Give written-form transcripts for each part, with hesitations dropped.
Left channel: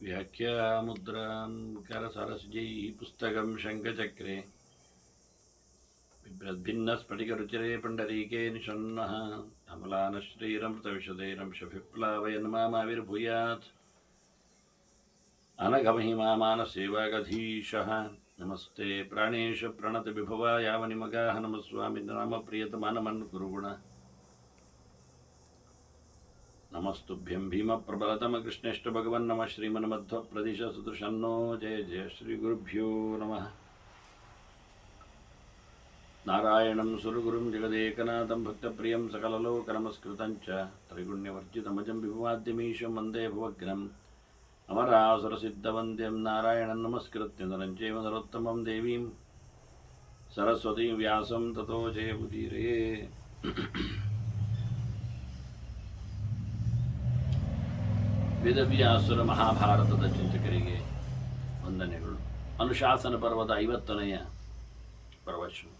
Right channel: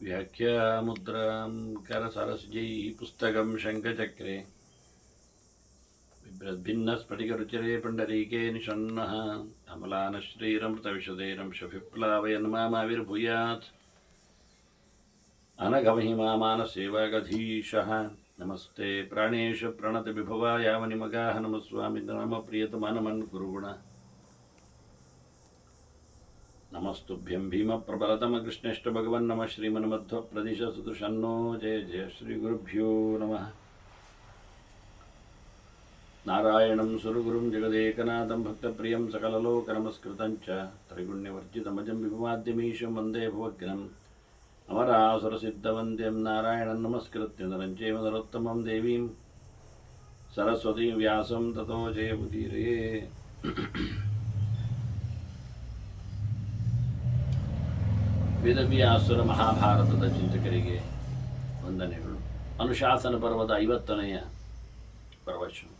व्याख्यामुद्रां करसरस्यै पुस्तकं शङ्खचक्रे बिभ्रद्भिन्नस्फटिकरुचिरे पुण्डरीके निषण्णः अमलानश्रीरमृतविशदैरंशभिप्लावयन् मामाविर्भूयात् अनघमहिमामानसेवागधीशः। नमस्ते प्राणेश प्रणतविभवाय वनिमगाः नमस्वामि नाम प्रियतमानमन् कुरुगुण। नमस्तुभ्यं भीमप्रबलतमकृष्णेष्ट भगवन् नमः श्रीमन्मध्वप्रदिश सुदृशन्नो जय जय श्रीगुरुभ्यो नमः। नारायणं सुरगुरुं जगदेकनाथं भक्तप्रियं सकललोकनमस्कृतं च त्रैगुण्यवर्जितमजं विभुमाद्यमीशं वन्दे भवग्नम् अमरासुरसिद्धवन्द्यं नारायणं नमस्कृत्य नरं चैव नरोत्तमं देवीं सरस्वतीं व्यासं ततो जयमुदीरये। ವೇದವ್ಯಾಸುರ ಮಹಾಭಾರತದ ಚಿಂತಕರಿಗೆ ವಂದನೆಗಳು. ಅನುಶಾಸನ ಪರ್ವದ 50ನೆಯ ಪ್ರವಚನ.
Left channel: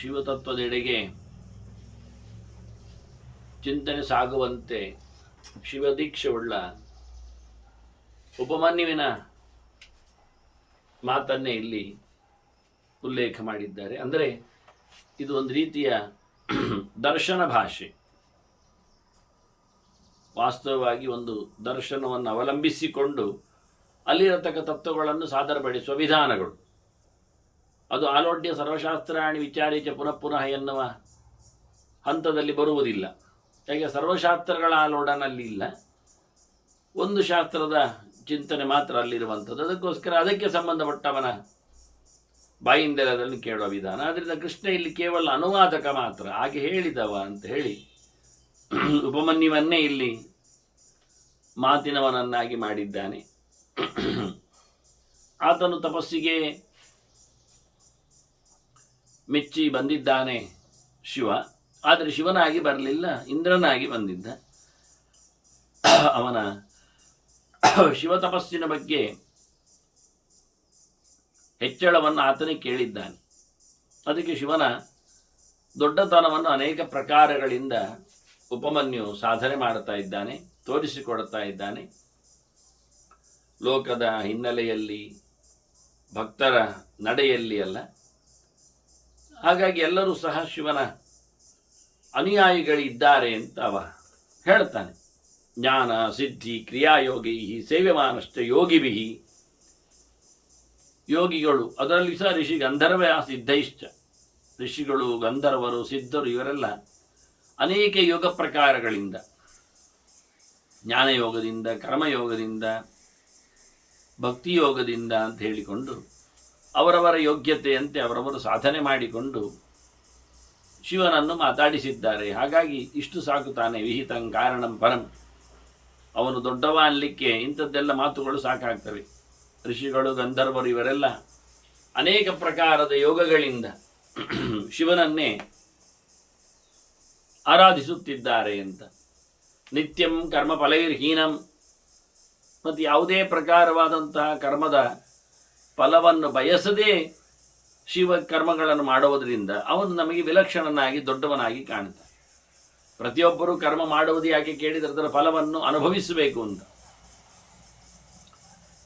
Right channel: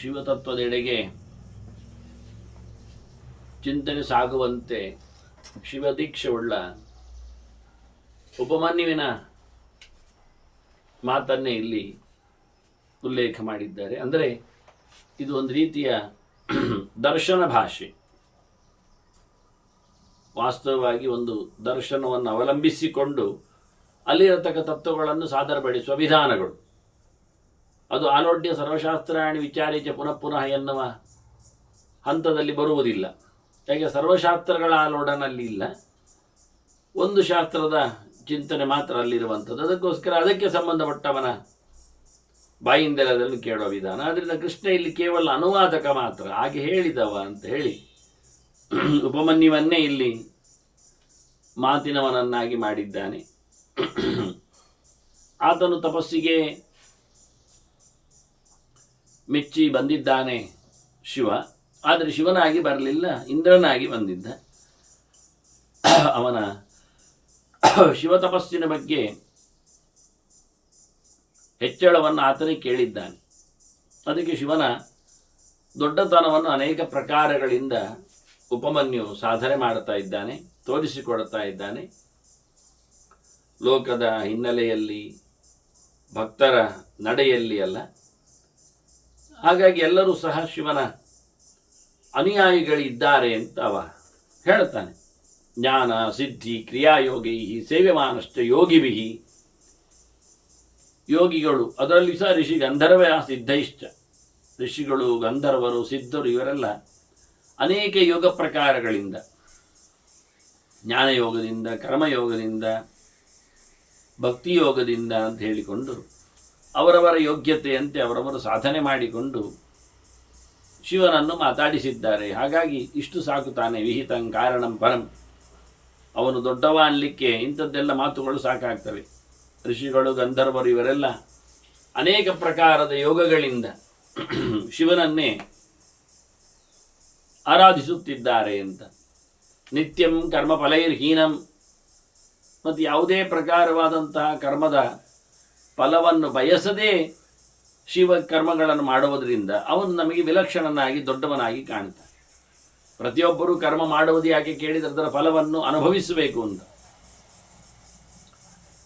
ಶಿವತತ್ವದೆಡೆಗೆ ಚಿಂತನೆ ಸಾಗುವಂತೆ ಶಿವದೀಕ್ಷೆಯುಳ್ಳ ಉಪಮನ್ಯುವಿನ ಮಾತನ್ನೇ ಇಲ್ಲಿ ಉಲ್ಲೇಖ ಮಾಡಿದ್ದಾರೆ. ಅಂದರೆ ಇದು ಒಂದು ರೀತಿಯ ದರ್ಶನ ಭಾಷೆ. ವಾಸ್ತವವಾಗಿ ಒಂದು ದರ್ಶನವನ್ನು ಅವಲಂಬಿಸಿಕೊಂಡು ಅಲ್ಲಿರತಕ್ಕ ತತ್ವಗಳನ್ನು ಸಾದರಪಡಿಸುವ ವಿಧಾನಗಳು. ಅದು ಆಲೋಡ್ಯ ಸರ್ವಶಾಸ್ತ್ರಾಣಿ ವಿಚಾರೇಚ ಪುನಃ ಪುನಃ ಎನ್ನುವ ಹಂತದಲ್ಲಿ ಬರುವುದಿಲ್ಲ. ಯಾಕೆ ಸರ್ವಶಾಸ್ತ್ರಗಳ ಆಲೋಡನಲ್ಲಿ ಇಲ್ಲ, ಒಂದು ಶಾಸ್ತ್ರದ ಚಿಂತನೆ ಮಾತ್ರ ಅಲ್ಲಿರುವಂಥದ್ದು. ಅದಕ್ಕೋಸ್ಕರ ಅದಕ್ಕೆ ಸಂಬಂಧಪಟ್ಟವನ ಬಾಯಿಂದೆಲ್ಲದನ್ನು ಕೇಳುವ ವಿಧಾನ. ಆದ್ದರಿಂದ ಕೃಷ್ಣ ಇಲ್ಲಿ ಕೇವಲ ಅನುವಾದಕ ಮಾತ್ರ, ಹಾಗೆ ಹೇಳಿದವ ಅಂತ ಹೇಳಿ ಉಪಮನ್ಯುವನ್ನೇ ಇಲ್ಲಿ ಮಾತಿನವನನ್ನಾಗಿ ಮಾಡಿದ್ದಾನೆ. ಆತನು ತಪಸ್ಸಿಗೆ ಮೆಚ್ಚಿ ಬಂದಿದ್ದಾನೆ ಶಿವ. ಆದರೆ ಶಿವನಾಗಿ ಬರಲಿಲ್ಲ, ಇಂದ್ರನಾಗಿ ಬಂದಿದ್ದ. ಅವನ ಶಿವ ತಪಸ್ಸಿನ ಬಗ್ಗೆ ಹೆಚ್ಚಳವನ್ನು ಆತನೇ ಕೇಳಿದ್ದಾನೆ. ಅದಕ್ಕೆ ಶಿವನ ದೊಡ್ಡತನವನ್ನು ಅನೇಕ ಪ್ರಕಾರಗಳಿಂದ ಉಪಮನ್ಯು ಸಾಧನೆ ಮಾಡ್ತಾ ಇದ್ದಾನೆ, ತೋರಿಸಿಕೊಡ್ತಾ ಇದ್ದಾನೆ. ಲೋಕದ ಹಿನ್ನೆಲೆಯಲ್ಲಿ, ಭಕ್ತರ ನಡೆಯಲ್ಲಿ ಅಲ್ಲ. ಹಾಗಾಗಿ ಎಲ್ಲರೂ ಸಹ ಶಿವನ ಅನುಯಾಯಿಗಳಿದ್ದಾರೆ ಅಂತ ಅವ ಹೇಳ್ತಾನೆ. ಜ್ಞಾನ ಸಿದ್ಧಿ ಕ್ರಿಯಾಯೋಗೈ ಸೇವ್ಯಮಾನಶ್ಚ ಯೋಗಿಭಿ. ಯೋಗಿಗಳು, ಅದರಲ್ಲಿ ಸಹ ಋಷಿ ಗಂಧರ್ವ ಸಿದ್ಧೈಶ್ಚ. ಋಷಿಗಳು, ಗಂಧರ್ವರು, ಸಿದ್ಧರು ಇವರೆಲ್ಲ ಅನೇಕ ಯೋಗ ಪ್ರಕಾರಗಳಿಂದ, ಜ್ಞಾನಯೋಗದಿಂದ, ಕರ್ಮಯೋಗದಿಂದ, ಭಕ್ತಿಯೋಗದಿಂದ ಅಂತ ಹೇಳಿಕೊಂಡು ಅವರವರ ಯೋಗ್ಯತೆಯಂತೆ ಅವರವರು ಸಾಧನೆ ಮಾಡಿಕೊಂಡು ಶಿವನನ್ನು ಮಾತಾಡಿಸಿದ್ದಾರೆ. ಹಾಗಾಗಿ ಇಷ್ಟು ಸಾಕು ತಾನೇ. ವಿಹಿತಂ ಕಾರಣಂ ಪರಂ. ಅವನು ದೊಡ್ಡವ ಅನ್ನಲಿಕ್ಕೆ ಇಂಥದ್ದೆಲ್ಲ ಮಾತುಗಳು ಸಾಕಾಗ್ತವೆ. ಋಷಿಗಳು, ಗಂಧರ್ವರು ಇವರೆಲ್ಲ ಅನೇಕ ಪ್ರಕಾರದ ಯೋಗಗಳಿಂದ ಶಿವನನ್ನೇ ಆರಾಧಿಸುತ್ತಿದ್ದಾರೆ ಅಂತ. ನಿತ್ಯಂ ಕರ್ಮ ಫಲೈರ್ಹೀನಂ. ಮತ್ತು ಯಾವುದೇ ಪ್ರಕಾರವಾದಂತಹ ಕರ್ಮದ ಫಲವನ್ನು ಬಯಸದೇ ಶಿವ ಕರ್ಮಗಳನ್ನು ಮಾಡುವುದರಿಂದ ಅವನು ನಮಗೆ ವಿಲಕ್ಷಣನಾಗಿ ದೊಡ್ಡವನಾಗಿ ಕಾಣ್ತಾನೆ. ಪ್ರತಿಯೊಬ್ಬರೂ ಕರ್ಮ ಮಾಡುವುದು ಯಾಕೆ ಕೇಳಿದರೆ ಅದರ ಫಲವನ್ನು ಅನುಭವಿಸಬೇಕು ಅಂತ,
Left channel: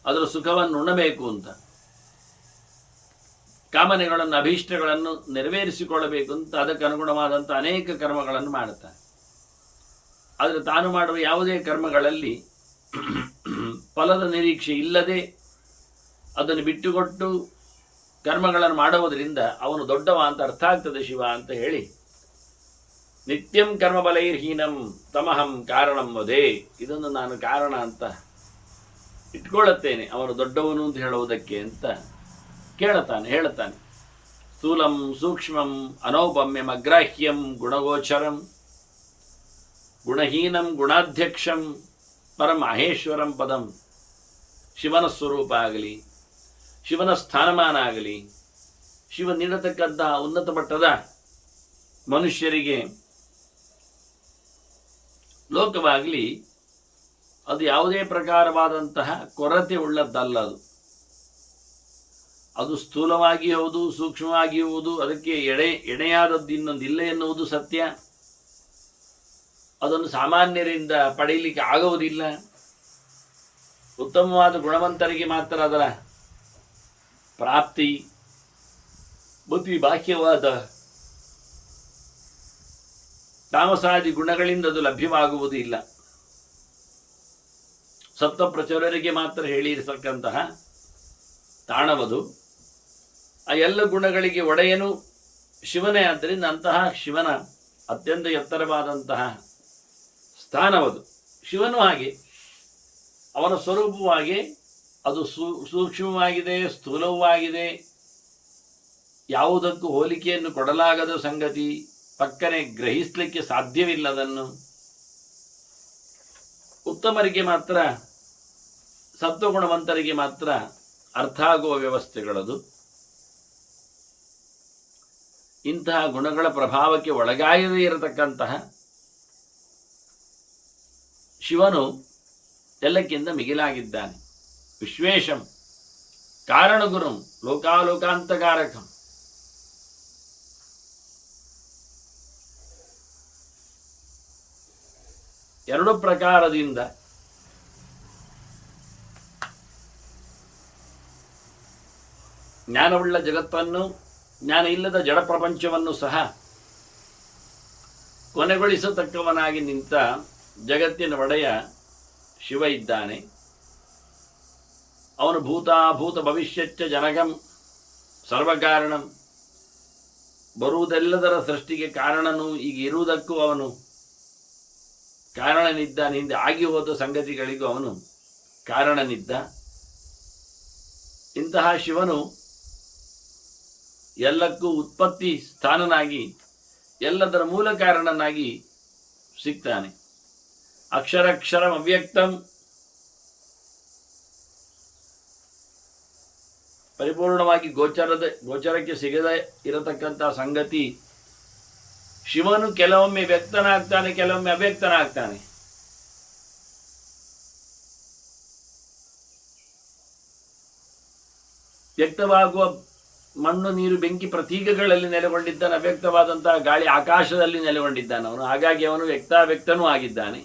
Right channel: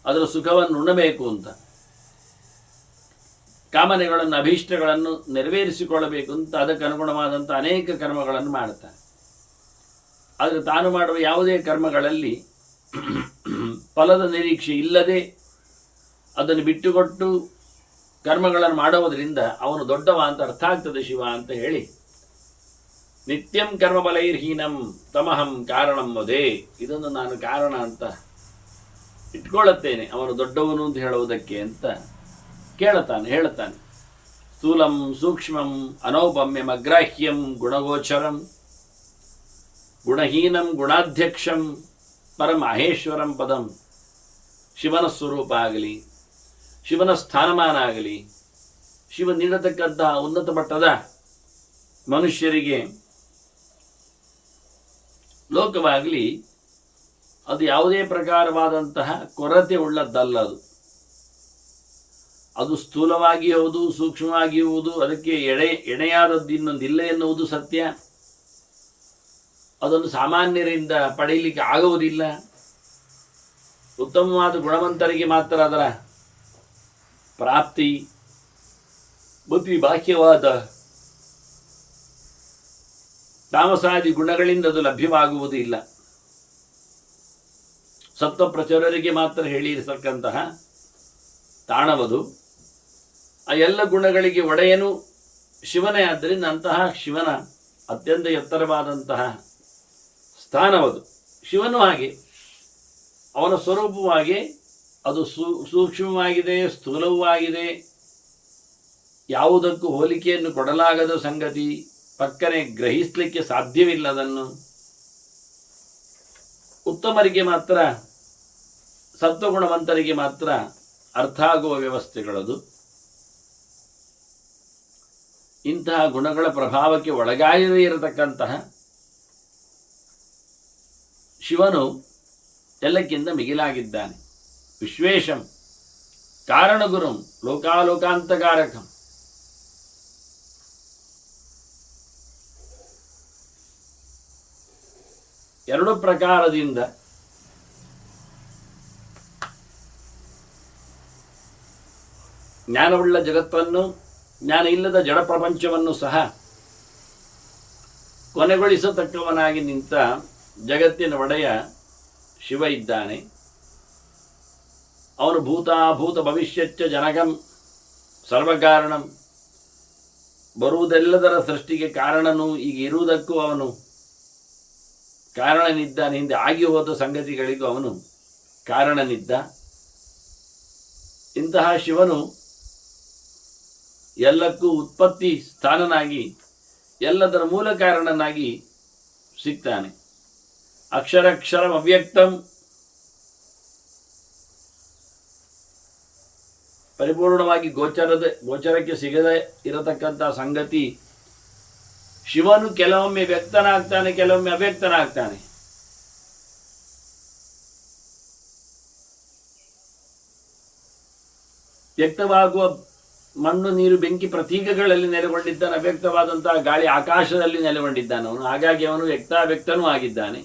ಅದರ ಸುಖವನ್ನು ಉಣ್ಣಬೇಕು ಅಂತ, ಕಾಮನೆಗಳನ್ನು, ಅಭೀಷ್ಟಗಳನ್ನು ನೆರವೇರಿಸಿಕೊಳ್ಳಬೇಕು ಅಂತ ಅದಕ್ಕೆ ಅನುಗುಣವಾದಂಥ ಅನೇಕ ಕರ್ಮಗಳನ್ನು ಮಾಡುತ್ತಾನೆ. ಆದರೆ ತಾನು ಮಾಡುವ ಯಾವುದೇ ಕರ್ಮಗಳಲ್ಲಿ ಫಲದ ನಿರೀಕ್ಷೆ ಇಲ್ಲದೆ ಅದನ್ನು ಬಿಟ್ಟುಕೊಟ್ಟು ಕರ್ಮಗಳನ್ನು ಮಾಡುವುದರಿಂದ ಅವನು ದೊಡ್ಡವ ಅಂತ ಅರ್ಥ ಆಗ್ತದೆ ಶಿವ ಅಂತ ಹೇಳಿ, ನಿತ್ಯಂ ಕರ್ಮಫಲೈರ್ಹೀನಂ ತಮಹಂ ಕಾರಣಂ ವದೇ. ಇದನ್ನು ನಾನು ಕಾರಣ ಅಂತ ಇಟ್ಕೊಳ್ಳುತ್ತೇನೆ, ಅವನು ದೊಡ್ಡವನು ಅಂತ ಹೇಳುವುದಕ್ಕೆ ಅಂತ ಹೇಳುತ್ತಾನೆ. ಸ್ಥೂಲಂ ಸೂಕ್ಷ್ಮಂ ಅನೌಪಮ್ಯಂ ಅಗ್ರಾಹ್ಯಂ ಗುಣಗೋಚರಂ ಗುಣಹೀನಂ ಗುಣಾಧ್ಯಕ್ಷಂ ಪರಂ ಮಹೇಶ್ವರಂ ಪದಂ. ಶಿವನ ಸ್ವರೂಪ ಆಗಲಿ, ಶಿವನ ಸ್ಥಾನಮಾನ ಆಗಲಿ, ಶಿವ ನೀಡತಕ್ಕಂತಹ ಉನ್ನತ ಮಟ್ಟದ ಮನುಷ್ಯರಿಗೆ ಲೋಕವಾಗಲಿ ಅದು ಯಾವುದೇ ಪ್ರಕಾರವಾದಂತಹ ಕೊರತೆ ಉಳ್ಳದ್ದಲ್ಲ. ಅದು ಸ್ಥೂಲವಾಗಿ ಹೌದು, ಸೂಕ್ಷ್ಮವಾಗಿರುವುದು, ಅದಕ್ಕೆ ಎಣೆಯಾದದ್ದು ಇನ್ನೊಂದಿಲ್ಲ ಎನ್ನುವುದು ಸತ್ಯ. ಅದನ್ನು ಸಾಮಾನ್ಯರಿಂದ ಪಡೆಯಲಿಕ್ಕೆ ಆಗುವುದಿಲ್ಲ. ಉತ್ತಮವಾದ ಗುಣವಂತರಿಗೆ ಮಾತ್ರ ಅದರ ಪ್ರಾಪ್ತಿ. ಬುದ್ಧಿ ಬಾಹ್ಯವಾದ ತಾಮಸಾದಿ ಗುಣಗಳಿಂದ ಅದು ಲಭ್ಯವಾಗುವುದಿಲ್ಲ. ಸತ್ವಪ್ರಚುರರಿಗೆ ಮಾತ್ರ ಹೇಳಿರತಕ್ಕಂತಹ ತಾಣವದು. ಆ ಎಲ್ಲ ಗುಣಗಳಿಗೆ ಒಡೆಯನು ಶಿವನೇ. ಆದ್ದರಿಂದ ಅಂತಹ ಶಿವನ ಅತ್ಯಂತ ಎತ್ತರವಾದಂತಹ ಸ್ಥಾನವದು. ಶಿವನು ಹಾಗೆ ಅವನ ಸ್ವರೂಪವಾಗಿ ಅದು ಸೂಕ್ಷ್ಮವಾಗಿದೆ, ಸ್ಥೂಲವೂ ಆಗಿದೆ. ಯಾವುದಕ್ಕೂ ಹೋಲಿಕೆಯನ್ನು ಕೊಡಲಾಗದ ಸಂಗತಿ, ಪಕ್ಕನೆ ಗ್ರಹಿಸಲಿಕ್ಕೆ ಸಾಧ್ಯವಿಲ್ಲದನ್ನು. ಉತ್ತಮರಿಗೆ ಮಾತ್ರ, ಸತ್ವಗುಣವಂತರಿಗೆ ಮಾತ್ರ ಅರ್ಥ ಆಗುವ ವ್ಯವಸ್ಥೆಗಳದು. ಇಂತಹ ಗುಣಗಳ ಪ್ರಭಾವಕ್ಕೆ ಒಳಗಾಗದೇ ಇರತಕ್ಕಂತಹ ಶಿವನು ಎಲ್ಲಕ್ಕಿಂತ ಮಿಗಿಲಾಗಿದ್ದಾನೆ. ವಿಶ್ವೇಶಂ ಕಾರಣಗುರುಂ ಲೋಕಾಲೋಕಾಂತಕಾರಕಂ. ಎರಡು ಪ್ರಕಾರದಿಂದ ಜ್ಞಾನವುಳ್ಳ ಜಗತ್ತನ್ನು, ಜ್ಞಾನ ಇಲ್ಲದ ಜಡ ಪ್ರಪಂಚವನ್ನು ಸಹ ಕೊನೆಗೊಳಿಸತಕ್ಕವನಾಗಿ ನಿಂತ ಜಗತ್ತಿನ ಒಡೆಯ ಶಿವ ಇದ್ದಾನೆ. ಅವನು ಭೂತಾಭೂತ ಭವಿಷ್ಯಚ್ಚ ಜನಕಂ ಸರ್ವಕಾರಣಂ. ಬರುವುದೆಲ್ಲದರ ಸೃಷ್ಟಿಗೆ ಕಾರಣನು, ಈಗ ಇರುವುದಕ್ಕೂ ಅವನು ಕಾರಣನಿದ್ದಾನೆ. ಹಿಂದೆ ಆಗಿ ಹೋದ ಸಂಗತಿಗಳಿಗೂ ಅವನು ಕಾರಣನಿದ್ದ. ಇಂತಹ ಶಿವನು ಎಲ್ಲಕ್ಕೂ ಉತ್ಪತ್ತಿ ಸ್ಥಾನನಾಗಿ, ಎಲ್ಲದರ ಮೂಲ ಕಾರಣನಾಗಿ ಸಿಗ್ತಾನೆ. ಅಕ್ಷರಕ್ಷರಂ ಅವ್ಯಕ್ತಂ. ಪರಿಪೂರ್ಣವಾಗಿ ಗೋಚರಕ್ಕೆ ಸಿಗದೇ ಇರತಕ್ಕಂಥ ಸಂಗತಿ. ಶಿವನು ಕೆಲವೊಮ್ಮೆ ವ್ಯಕ್ತನಾಗ್ತಾನೆ, ಕೆಲವೊಮ್ಮೆ ಅವ್ಯಕ್ತನಾಗ್ತಾನೆ. ವ್ಯಕ್ತವಾಗುವ ಮಣ್ಣು, ನೀರು, ಬೆಂಕಿ ಪ್ರತೀಕಗಳಲ್ಲಿ ನೆಲೆಗೊಂಡಿದ್ದಾನೆ. ಅವ್ಯಕ್ತವಾದಂತಹ ಗಾಳಿ, ಆಕಾಶದಲ್ಲಿ ನೆಲೆಗೊಂಡಿದ್ದಾನೆ ಅವನು. ಹಾಗಾಗಿ ಅವನು ವ್ಯಕ್ತನೂ ಆಗಿದ್ದಾನೆ.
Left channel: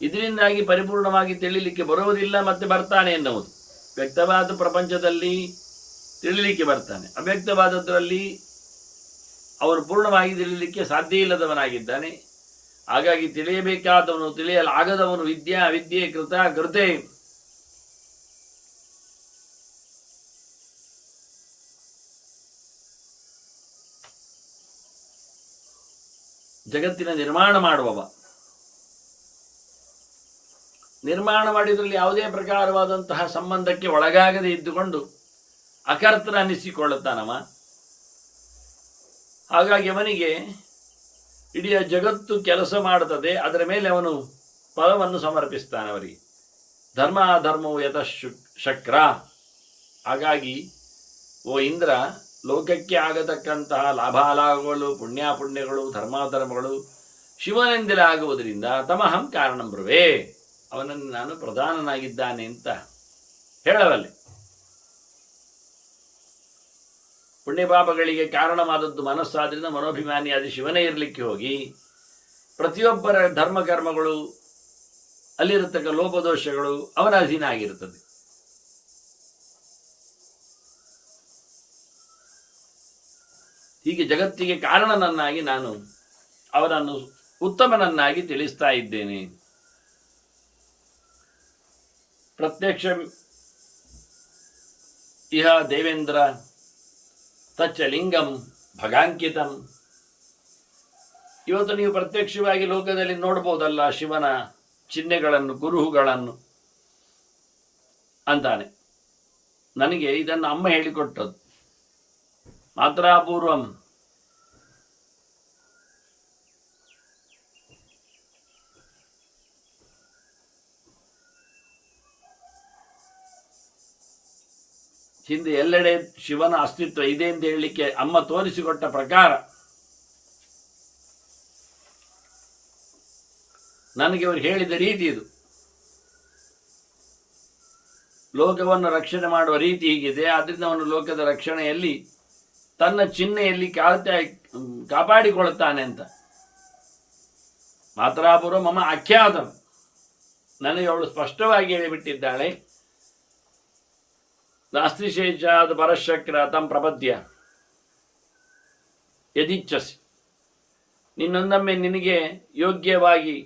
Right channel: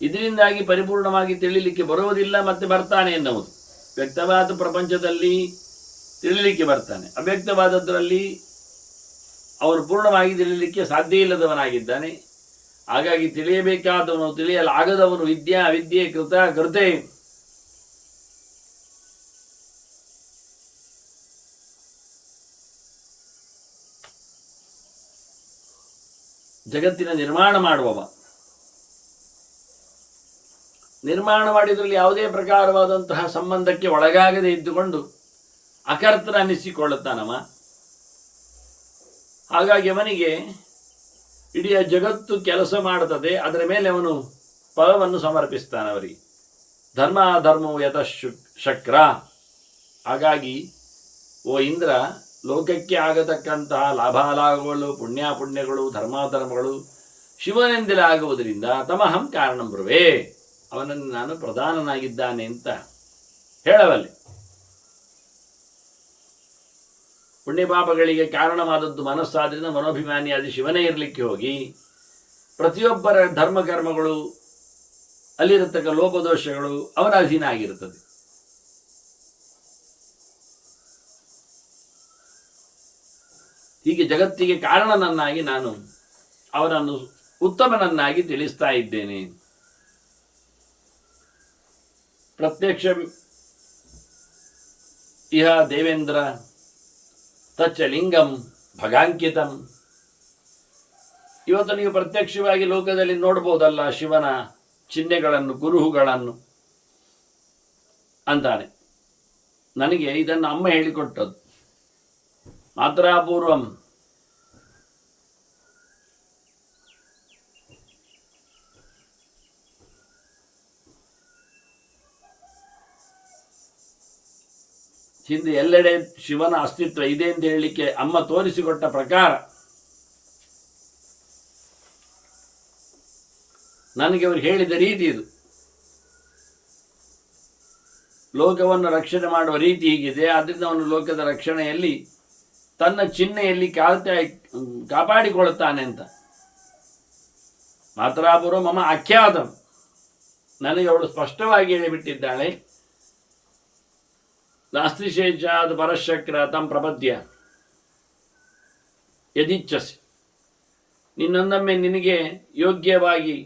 ಇದರಿಂದಾಗಿ ಪರಿಪೂರ್ಣವಾಗಿ ತಿಳಿಲಿಕ್ಕೆ ಬರುವುದಿಲ್ಲ, ಮತ್ತೆ ಬರ್ತಾನೆ ಎನ್ನುವುದು. ವ್ಯಕ್ತವಾದ ಪ್ರಪಂಚದಲ್ಲಿ ತಿಳಿಲಿಕ್ಕೆ ಬರ್ತಾನೆ, ಅವ್ಯಕ್ತವಾದದ್ರಲ್ಲಿ ಅವನು ಪೂರ್ಣವಾಗಿ ತಿಳಿಯಲಿಕ್ಕೆ ಸಾಧ್ಯ ಇಲ್ಲದವನಾಗಿದ್ದಾನೆ. ಹಾಗಾಗಿ ತಿಳಿಯಬೇಕಾದವನು, ತಿಳಿಯಲಾಗದವನು, ವಿದ್ಯಾ ಅವಿದ್ಯೆ, ಕೃತ ಕೃತೆ, ಜಗತ್ತಿನ ನಿರ್ಮಾಣ ಮಾಡುವವ. ನಿರ್ಮಾಣ ಮಾಡಿದ್ರಲ್ಲಿ ಯಾವುದೇ ಪ್ರಕಾರವಾದಂತಹ ಸಂಬಂಧಕ್ಕೆ ಒಳಗಾಗದೆ ಇದ್ದುಕೊಂಡು ಅಕರ್ತನ ಅನ್ನಿಸಿಕೊಳ್ಳುತ್ತಾನವ. ಹಾಗಾಗಿ ಅವನಿಗೆ ಇಡೀ ಜಗತ್ತು ಕೆಲಸ ಮಾಡುತ್ತದೆ, ಅದರ ಮೇಲೆ ಅವನು ಫಲವನ್ನು ಸಮರ್ಪಿಸ್ತಾನವರಿಗೆ. ಧರ್ಮ ಧರ್ಮವು ಯತಃಶಕ್ರ. ಹಾಗಾಗಿ ಓ ಇಂದ್ರ, ಲೋಕಕ್ಕೆ ಆಗತಕ್ಕಂತಹ ಲಾಭಾಲಾಭಗಳು, ಪುಣ್ಯಾಪುಣ್ಯಗಳು, ಧರ್ಮಾಧರ್ಮಗಳು ಶಿವನೆಂದಲೇ ಆಗುವುದರಿಂದ ತಮಹಂ ಕಾರಣಂ ಬ್ರುವೆ, ಅವನನ್ನು ನಾನು ಪ್ರಧಾನನಾಗಿದ್ದಾನೆ ಅಂತ ಹೇಳಬಲ್ಲೆ. ಪುಣ್ಯಪಾಪಗಳಿಗೆ ಕಾರಣವಾದದ್ದು ಮನಸ್ಸಾದ್ರಿಂದ ಮನೋಭಿಮಾನಿಯಾದ ಶಿವನೇ ಇರಲಿಕ್ಕೆ ಹೋಗಿ ಪ್ರತಿಯೊಬ್ಬರ ಧರ್ಮಕರ್ಮಗಳು, ಅಲ್ಲಿರತಕ್ಕ ಲೋಪದೋಷಗಳು ಅವನ ಅಧೀನ ಆಗಿರುತ್ತದೆ. ಹೀಗೆ ಜಗತ್ತಿಗೆ ಕಾರಣನನ್ನಾಗಿ ನಾನು ಅವನನ್ನು ಉತ್ತಮನನ್ನಾಗಿ ತಿಳಿಸ್ತಾ ಇದ್ದೇನೆ. ಪ್ರತ್ಯಕ್ಷ ಇಹ ದೇವೇಂದ್ರ ತಚ್ಚ ಲಿಂಗಂ ಭಗಾಂಕಿತಂ. ಇವತ್ತು ನೀವು ಪ್ರತ್ಯಕ್ಷವಾಗಿ ಲೋಕದಲ್ಲಿ ನೋಡ್ಬೋದಲ್ಲ ಶಿವನ ಚಿಹ್ನೆಗಳನ್ನು, ಕುರುಹುಗಳನ್ನು ಅಂತಾನೆ. ನನಗೆ ಇದನ್ನು ಅಮ್ಮ ಹೇಳಿಕೊಟ್ಟದ್ದು. ಮಾತ್ರಾಪೂರ್ವಂ ಹಿಂದೆ ಎಲ್ಲೆಡೆ ಶಿವನ ಅಸ್ತಿತ್ವ ಇದೆ ಅಂತ ಹೇಳಲಿಕ್ಕೆ ಅಮ್ಮ ತೋರಿಸಿಕೊಟ್ಟ ಪ್ರಕಾರ ನನಗೆ ಅವರು ಹೇಳಿದ ರೀತಿ ಇದು. ಲೋಕವನ್ನು ರಕ್ಷಣೆ ಮಾಡುವ ರೀತಿ ಹೀಗಿದೆ. ಆದ್ದರಿಂದ ಅವನು ಲೋಕದ ರಕ್ಷಣೆಯಲ್ಲಿ ತನ್ನ ಚಿಹ್ನೆಯಲ್ಲಿ ಕಾಪಾಡಿಕೊಳ್ಳುತ್ತಾನೆ ಅಂತ. ಮಾತರಾಪುರ ಮಮ ಆಖ್ಯಾತಂ, ನನಗೆ ಅವಳು ಸ್ಪಷ್ಟವಾಗಿ ಹೇಳಿಬಿಟ್ಟಿದ್ದಾಳೆ. ನಾಸ್ತಿ ಶೇಷಾದ ಪರಶಕ್ರ ತಂ ಪ್ರಪದ್ಯ ಯದಿಚ್ಛಸಿ, ನಿನ್ನೊಂದೊಮ್ಮೆ ನಿನಗೆ ಯೋಗ್ಯವಾಗಿ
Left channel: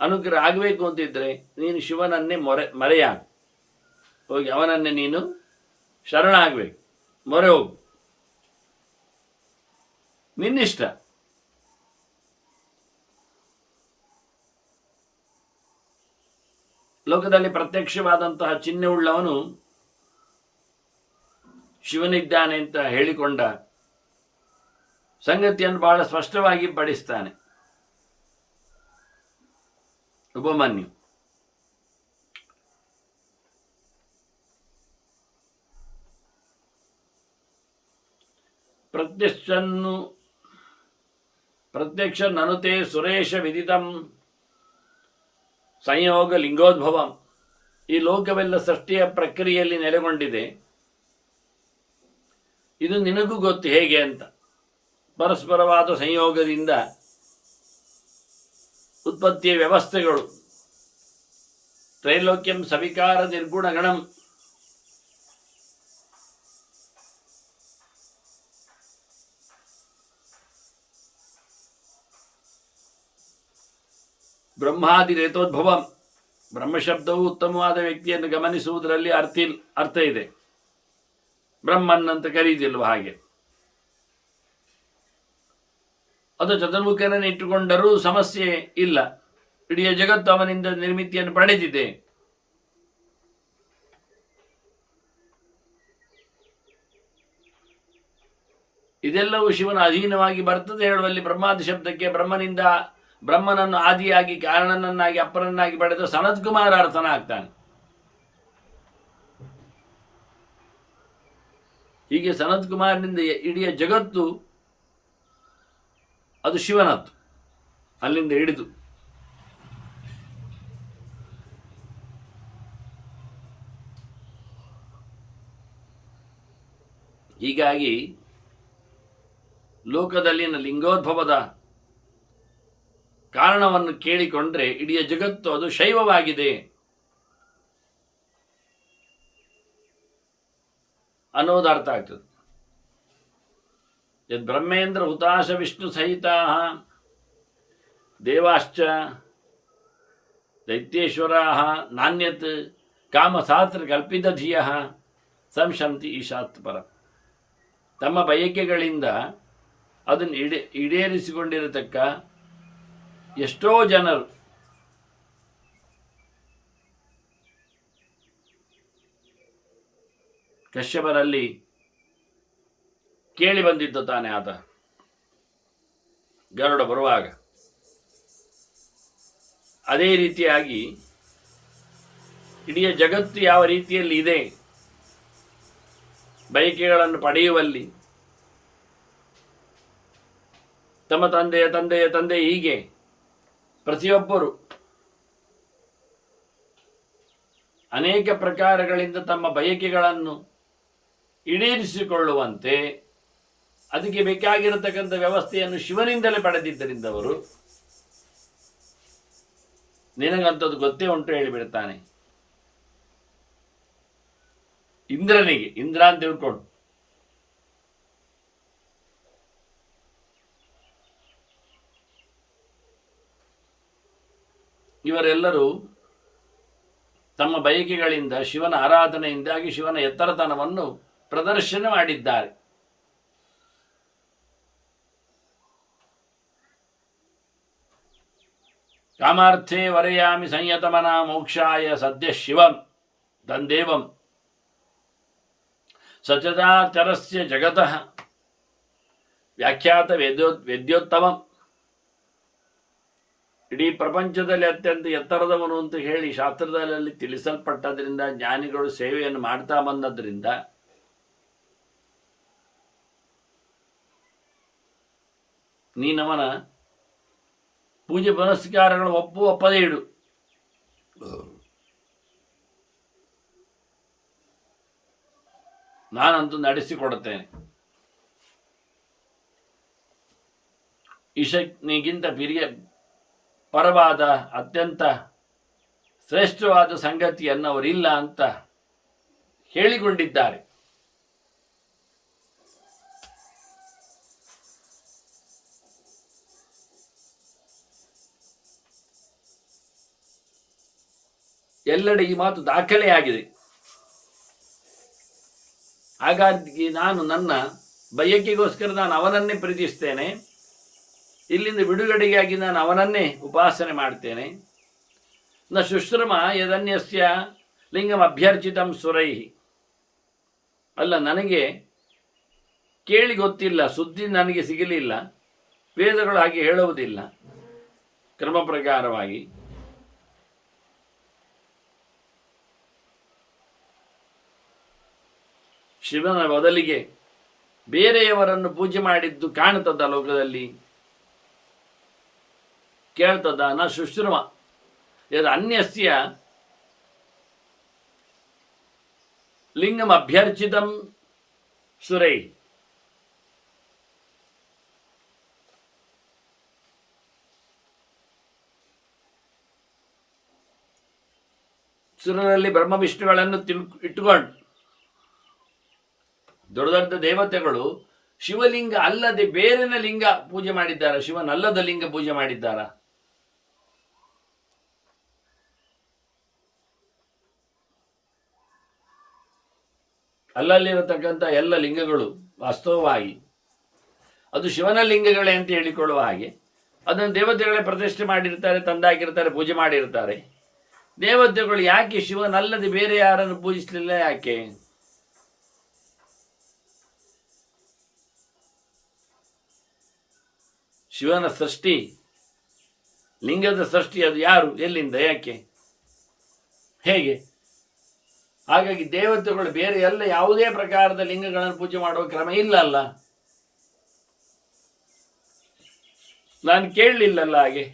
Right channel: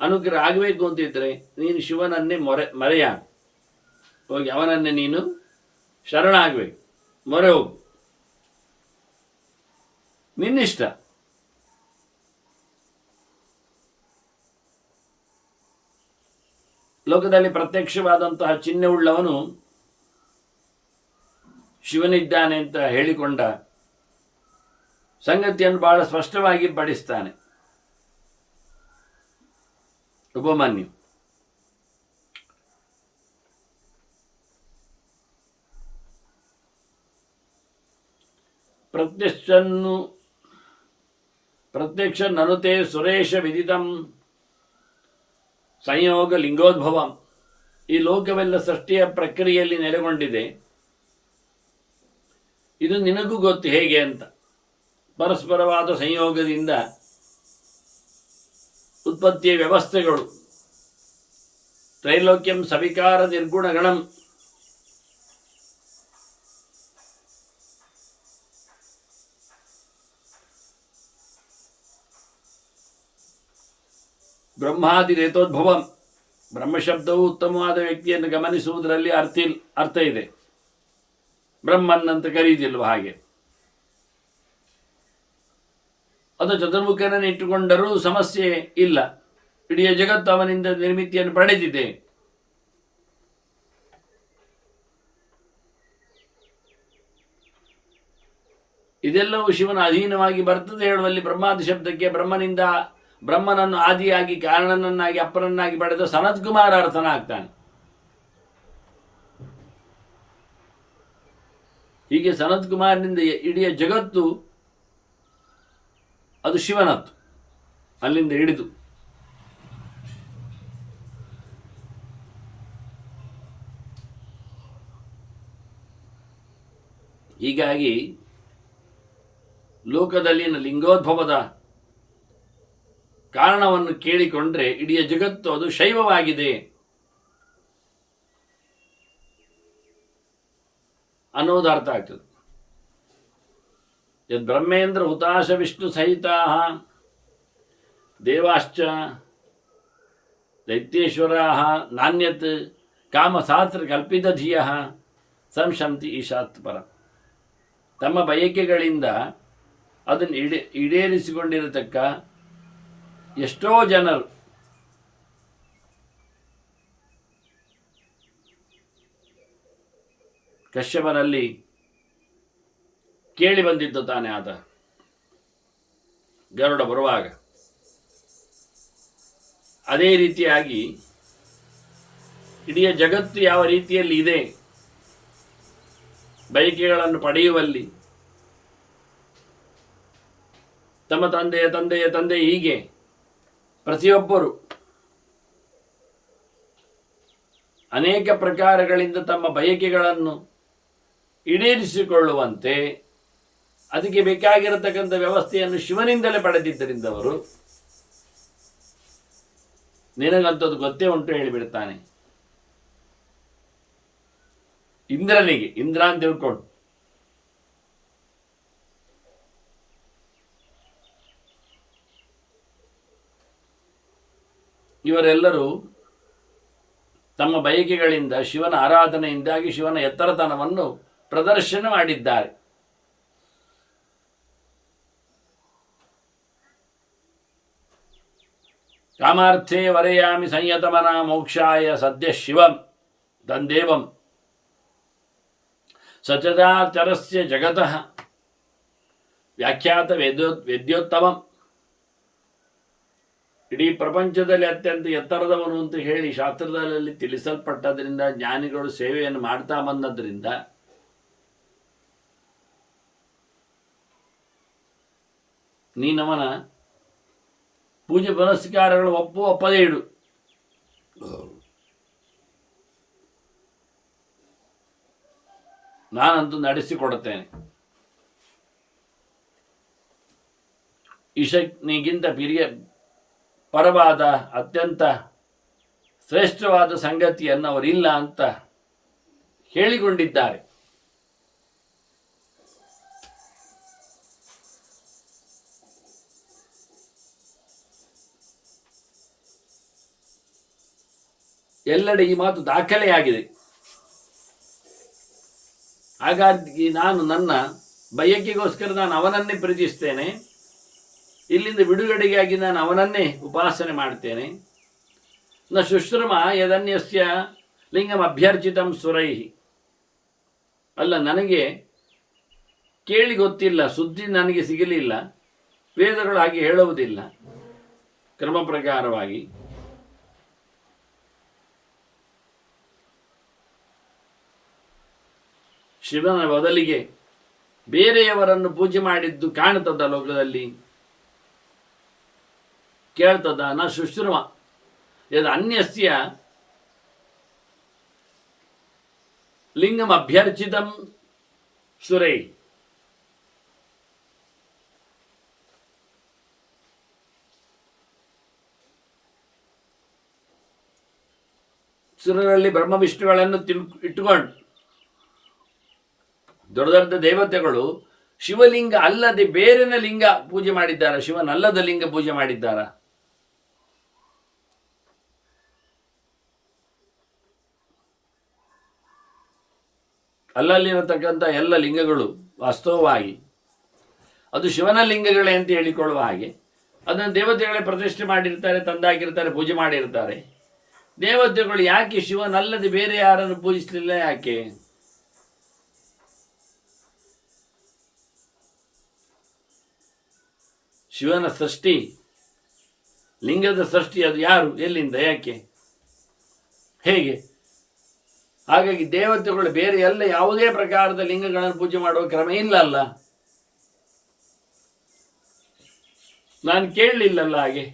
ಅನುಗ್ರಹ ಆಗಬೇಕು ಅಂತಿದ್ರೆ ನೀನು ಶಿವನನ್ನೇ ಮರೆಯ ಹೋಗಿ ಅವನನ್ನೇ ನೀನು ಶರಣಾಗಬೇಕು, ಮೊರೆ ಹೋಗು, ನಿನ್ನಿಷ್ಟ. ಲೋಕದಲ್ಲಿ ಪ್ರತ್ಯಕ್ಷವಾದಂತಹ ಚಿಹ್ನೆ ಉಳ್ಳವನು ಶಿವನಿದ್ದಾನೆ ಅಂತ ಹೇಳಿಕೊಂಡ ಸಂಗತಿಯನ್ನು ಬಹಳ ಸ್ಪಷ್ಟವಾಗಿ ಪಡಿಸ್ತಾನೆ ಉಪಮನ್ಯು. ಪ್ರತ್ಯಕ್ಷ ನನುತೆ ಸುರೇಶ ವಿದಿತಂ ಸಂಯೋಗ ಲಿಂಗೋದ್ಭವಂ. ಈ ಲೋಕವೆಲ್ಲ ಸೃಷ್ಟಿಯ ಪ್ರಕ್ರಿಯೆಯಲ್ಲಿ ನೆಲೆಗೊಂಡಿದೆ, ಇದು ನಿನಗೂ ಗೊತ್ತು ಹೇಗೆ ಅಂತ. ಪರಸ್ಪರವಾದ ಸಂಯೋಗದಿಂದ ಉತ್ಪತ್ತಿಯ ವ್ಯವಸ್ಥೆಗಳು, ತ್ರೈಲೋಕ್ಯಂ ಸವಿಕಾರ ನಿರ್ಗುಣಗಣಂ, ಬ್ರಹ್ಮಾದಿ ರೇತೋದ್ಭವಂ. ಬ್ರಹ್ಮಶಬ್ದವು ಉತ್ತಮವಾದ ವ್ಯಕ್ತಿಯನ್ನು ಗಮನಿಸುವುದರಲ್ಲಿ ಅರ್ಥ ಇದೆ, ಬ್ರಹ್ಮನ್ ಅಂತ ಕರೀದಿಲ್ವ ಹಾಗೆ. ಅದು ಚತುರ್ಮುಖನನ್ನು ಇಟ್ಟುಕೊಂಡರೂ ಸಮಸ್ಯೆ ಇಲ್ಲ, ಇಡೀ ಜಗತ್ತು ಅವನಿಂದ ನಿರ್ಮಿತಿಯನ್ನು ಪಡೆದಿದೆ. ಇದೆಲ್ಲವೂ ಶಿವನ ಅಧೀನವಾಗಿ ಬರ್ತದೆ ಹೇಳುವಲ್ಲಿ ಬ್ರಹ್ಮಾದಿ ಶಬ್ದಕ್ಕೆ ಬ್ರಹ್ಮನನ್ನು ಆದಿಯಾಗಿ ಕಾರಣನನ್ನಾಗಿ ಅಪ್ಪನನ್ನಾಗಿ ಪಡೆದ ಸನತ್ಕುಮಾರ ಅರ್ಥನಾಗ್ತಾನೆ. ಹೀಗೆ ಸನತ್ಕುಮಾರನಿಂದ ಇಡೀ ಜಗತ್ತು ಅದು ಶಿವನತ್ತು, ಅಲ್ಲಿಂದ ಹಿಡಿದು ಹೀಗಾಗಿ ಲೋಕದಲ್ಲಿನ ಲಿಂಗೋದ್ಭವದ ಕಾರಣವನ್ನು ಕೇಳಿಕೊಂಡ್ರೆ ಇಡೀ ಜಗತ್ತು ಅದು ಶೈವವಾಗಿದೆ ಅನ್ನೋದು ಅರ್ಥ ಆಗ್ತದೆ. ಯದ್ ಬ್ರಹ್ಮೇಂದ್ರ ಹುತಾಶ ವಿಷ್ಣು ಸಹಿತಾ ದೇವಾಶ್ಚ ದೈತ್ಯೇಶ್ವರಾ ನಾಣ್ಯತ್ ಕಾಮಶಾಸ್ತ್ರ ಕಲ್ಪಿತಧಿಯ ಸಂಶಂತಿ ಈಶಾತ್ ಪರ. ತಮ್ಮ ಬಯಕೆಗಳಿಂದ ಅದನ್ನು ಈಡೇರಿಸಿಕೊಂಡಿರತಕ್ಕ ಎಷ್ಟೋ ಜನರು ಕಶ್ಯಪನಲ್ಲಿ ಕೇಳಿ ಬಂದಿದ್ದು ತಾನೆ ಆತ ಗರುಡ ಬರುವಾಗ. ಅದೇ ರೀತಿಯಾಗಿ ಇಡೀ ಜಗತ್ತು ಯಾವ ರೀತಿಯಲ್ಲಿ ಇದೆ ಬಯಕೆಗಳನ್ನು ಪಡೆಯುವಲ್ಲಿ, ತಮ್ಮ ತಂದೆಯ ತಂದೆ ಹೀಗೆ ಪ್ರತಿಯೊಬ್ಬರು ಅನೇಕ ಪ್ರಕಾರಗಳಿಂದ ತಮ್ಮ ಬಯಕೆಗಳನ್ನು ಈಡೇರಿಸಿಕೊಳ್ಳುವಂತೆ ಅದಕ್ಕೆ ಬೇಕಾಗಿರತಕ್ಕಂಥ ವ್ಯವಸ್ಥೆಯನ್ನು ಶಿವನಿಂದಲೇ ಪಡೆದಿದ್ದರಿಂದವರು ನಿನಗಂಥದ್ದು ಗೊತ್ತೇ ಉಂಟು ಹೇಳಿಬಿಡ್ತಾನೆ. ಇಂದ್ರನಿಗೆ ಇಂದ್ರ ಅಂತ ತಿಳ್ಕೊಂಡು ಇವರೆಲ್ಲರೂ ತಮ್ಮ ಬಯಕೆಗಳಿಂದ ಶಿವನ ಆರಾಧನೆಯಿಂದಾಗಿ ಶಿವನ ಎತ್ತರತನವನ್ನು ಪ್ರದರ್ಶನ ಮಾಡಿದ್ದಾರೆ. ಕಾಮಾರ್ಥೇ ವರೆಯಾಮಿ ಸಂಯತಮನ ಮೋಕ್ಷಾಯ ಸದ್ಯ ಶಿವಂ ತಂದೇವಂ ಸಚರಾಚರಸ್ಯ ಜಗತಃ ವ್ಯಾಖ್ಯಾತ ವೇದ್ಯೋತ್ತಮಂ. ಇಡೀ ಪ್ರಪಂಚದಲ್ಲಿ ಅತ್ಯಂತ ಎತ್ತರದವನು ಅಂತ ಹೇಳಿ ಶಾಸ್ತ್ರದಲ್ಲಿ ತಿಳಿಸಲ್ಪಟ್ಟದ್ರಿಂದ ಜ್ಞಾನಿಗಳು ಸೇವೆಯನ್ನು ಮಾಡ್ತಾ ಬಂದದ್ರಿಂದ ನೀನವನ ಪೂಜೆ ಪುನಸ್ಕಾರಗಳು ಒಪ್ಪದೇ ಇಡು. ನಾನಂತೂ ನಡೆಸಿಕೊಡುತ್ತೇನೆ. ಈಶನಿಗಿಂತ ಪರವಾದ ಅತ್ಯಂತ ಶ್ರೇಷ್ಠವಾದ ಸಂಗತಿಯನ್ನು ಅವರಿಲ್ಲ ಅಂತ ಹೇಳಿಕೊಂಡಿದ್ದಾರೆ. ಎಲ್ಲೆಡೆ ಈ ಮಾತು ದಾಖಲೆಯಾಗಿದೆ. ಹಾಗಾಗಿ ನಾನು ನನ್ನ ಬಯಕೆಗೋಸ್ಕರ ನಾನು ಅವನನ್ನೇ ಪ್ರೀತಿಸ್ತೇನೆ. ಇಲ್ಲಿಂದ ಬಿಡುಗಡೆಗಾಗಿ ನಾನು ಅವನನ್ನೇ ಉಪಾಸನೆ ಮಾಡ್ತೇನೆ. ನ ಶುಶ್ರಮ ಯದನ್ಯಸ್ಯ ಲಿಂಗಂ ಅಭ್ಯರ್ಚಿತಂ ಸುರೈಹಿ. ಅಲ್ಲ, ನನಗೆ ಕೇಳಿ ಗೊತ್ತಿಲ್ಲ, ಸುದ್ದಿ ನನಗೆ ಸಿಗಲಿಲ್ಲ, ವೇದಗಳು ಹಾಗೆ ಹೇಳುವುದಿಲ್ಲ. ಕ್ರಮ ಪ್ರಕಾರವಾಗಿ ಶಿವನ ಬದಲಿಗೆ ಬೇರೆಯವರನ್ನು ಪೂಜೆ ಮಾಡಿದ್ದು ಕಾಣುತ್ತದ ಲೋಕದಲ್ಲಿ, ಕೇಳ್ತದ. ನ ಶುಶ್ರಮ ಯದ್ ಅನ್ಯಸ್ಯ ಲಿಂಗಂ ಅಭ್ಯರ್ಚಿತಂ ಸುರೈ. ಸುರರಲ್ಲಿ ಬ್ರಹ್ಮ ವಿಷ್ಣುಗಳನ್ನು ಇಟ್ಟುಕೊಂಡು ದೊಡ್ಡ ದೊಡ್ಡ ದೇವತೆಗಳು ಶಿವಲಿಂಗ ಅಲ್ಲದೆ ಬೇರೆನ ಲಿಂಗ ಪೂಜೆ ಮಾಡಿದ್ದಾರ? ಶಿವನಲ್ಲದ ಲಿಂಗ ಪೂಜೆ ಮಾಡಿದ್ದಾರ? ಅಲ್ಲಲ್ಲಿರತಕ್ಕಂಥ ಎಲ್ಲ ಲಿಂಗಗಳು ವಾಸ್ತವವಾಗಿ ಅದು ಶಿವನ ಲಿಂಗಗಳೇ ಅಂತ ಹೇಳಿಕೊಳ್ಳುವ ಹಾಗೆ ಅದನ್ನು ದೇವತೆಗಳೇ ಪ್ರತಿಷ್ಠೆ ಮಾಡಿರ್ತಾರೆ, ತಂದಾಕಿರ್ತಾರೆ, ಪೂಜೆ ಮಾಡಿರ್ತಾರೆ. ದೇವತೆಗಳು ಯಾಕೆ ಶಿವನಲ್ಲದೆ ಬೇರೆ ಯಾರನ್ನು ಪೂಜಿಸಲಿಲ್ಲ? ಯಾಕೆ? ಶಿವನ ಸೃಷ್ಟಿ, ಲಿಂಗದ ಸೃಷ್ಟಿ ಅದು ಯಾರು, ಎಲ್ಲಿಂದ, ಯಾಕೆ, ಹೇಗೆ? ಹಾಗಾಗಿ ದೇವತೆಗಳು ಬೇರೆ ಎಲ್ಲ ಯಾವುದೇ ಪ್ರಕಾರದ ಲಿಂಗಗಳನ್ನು ಪೂಜೆ ಮಾಡುವ ಕ್ರಮ ಇಲ್ಲ ಅಲ್ಲ. ನಾನು ಕೇಳಲಿಲ್ಲಲ್ಲ ಹಾಗೆ.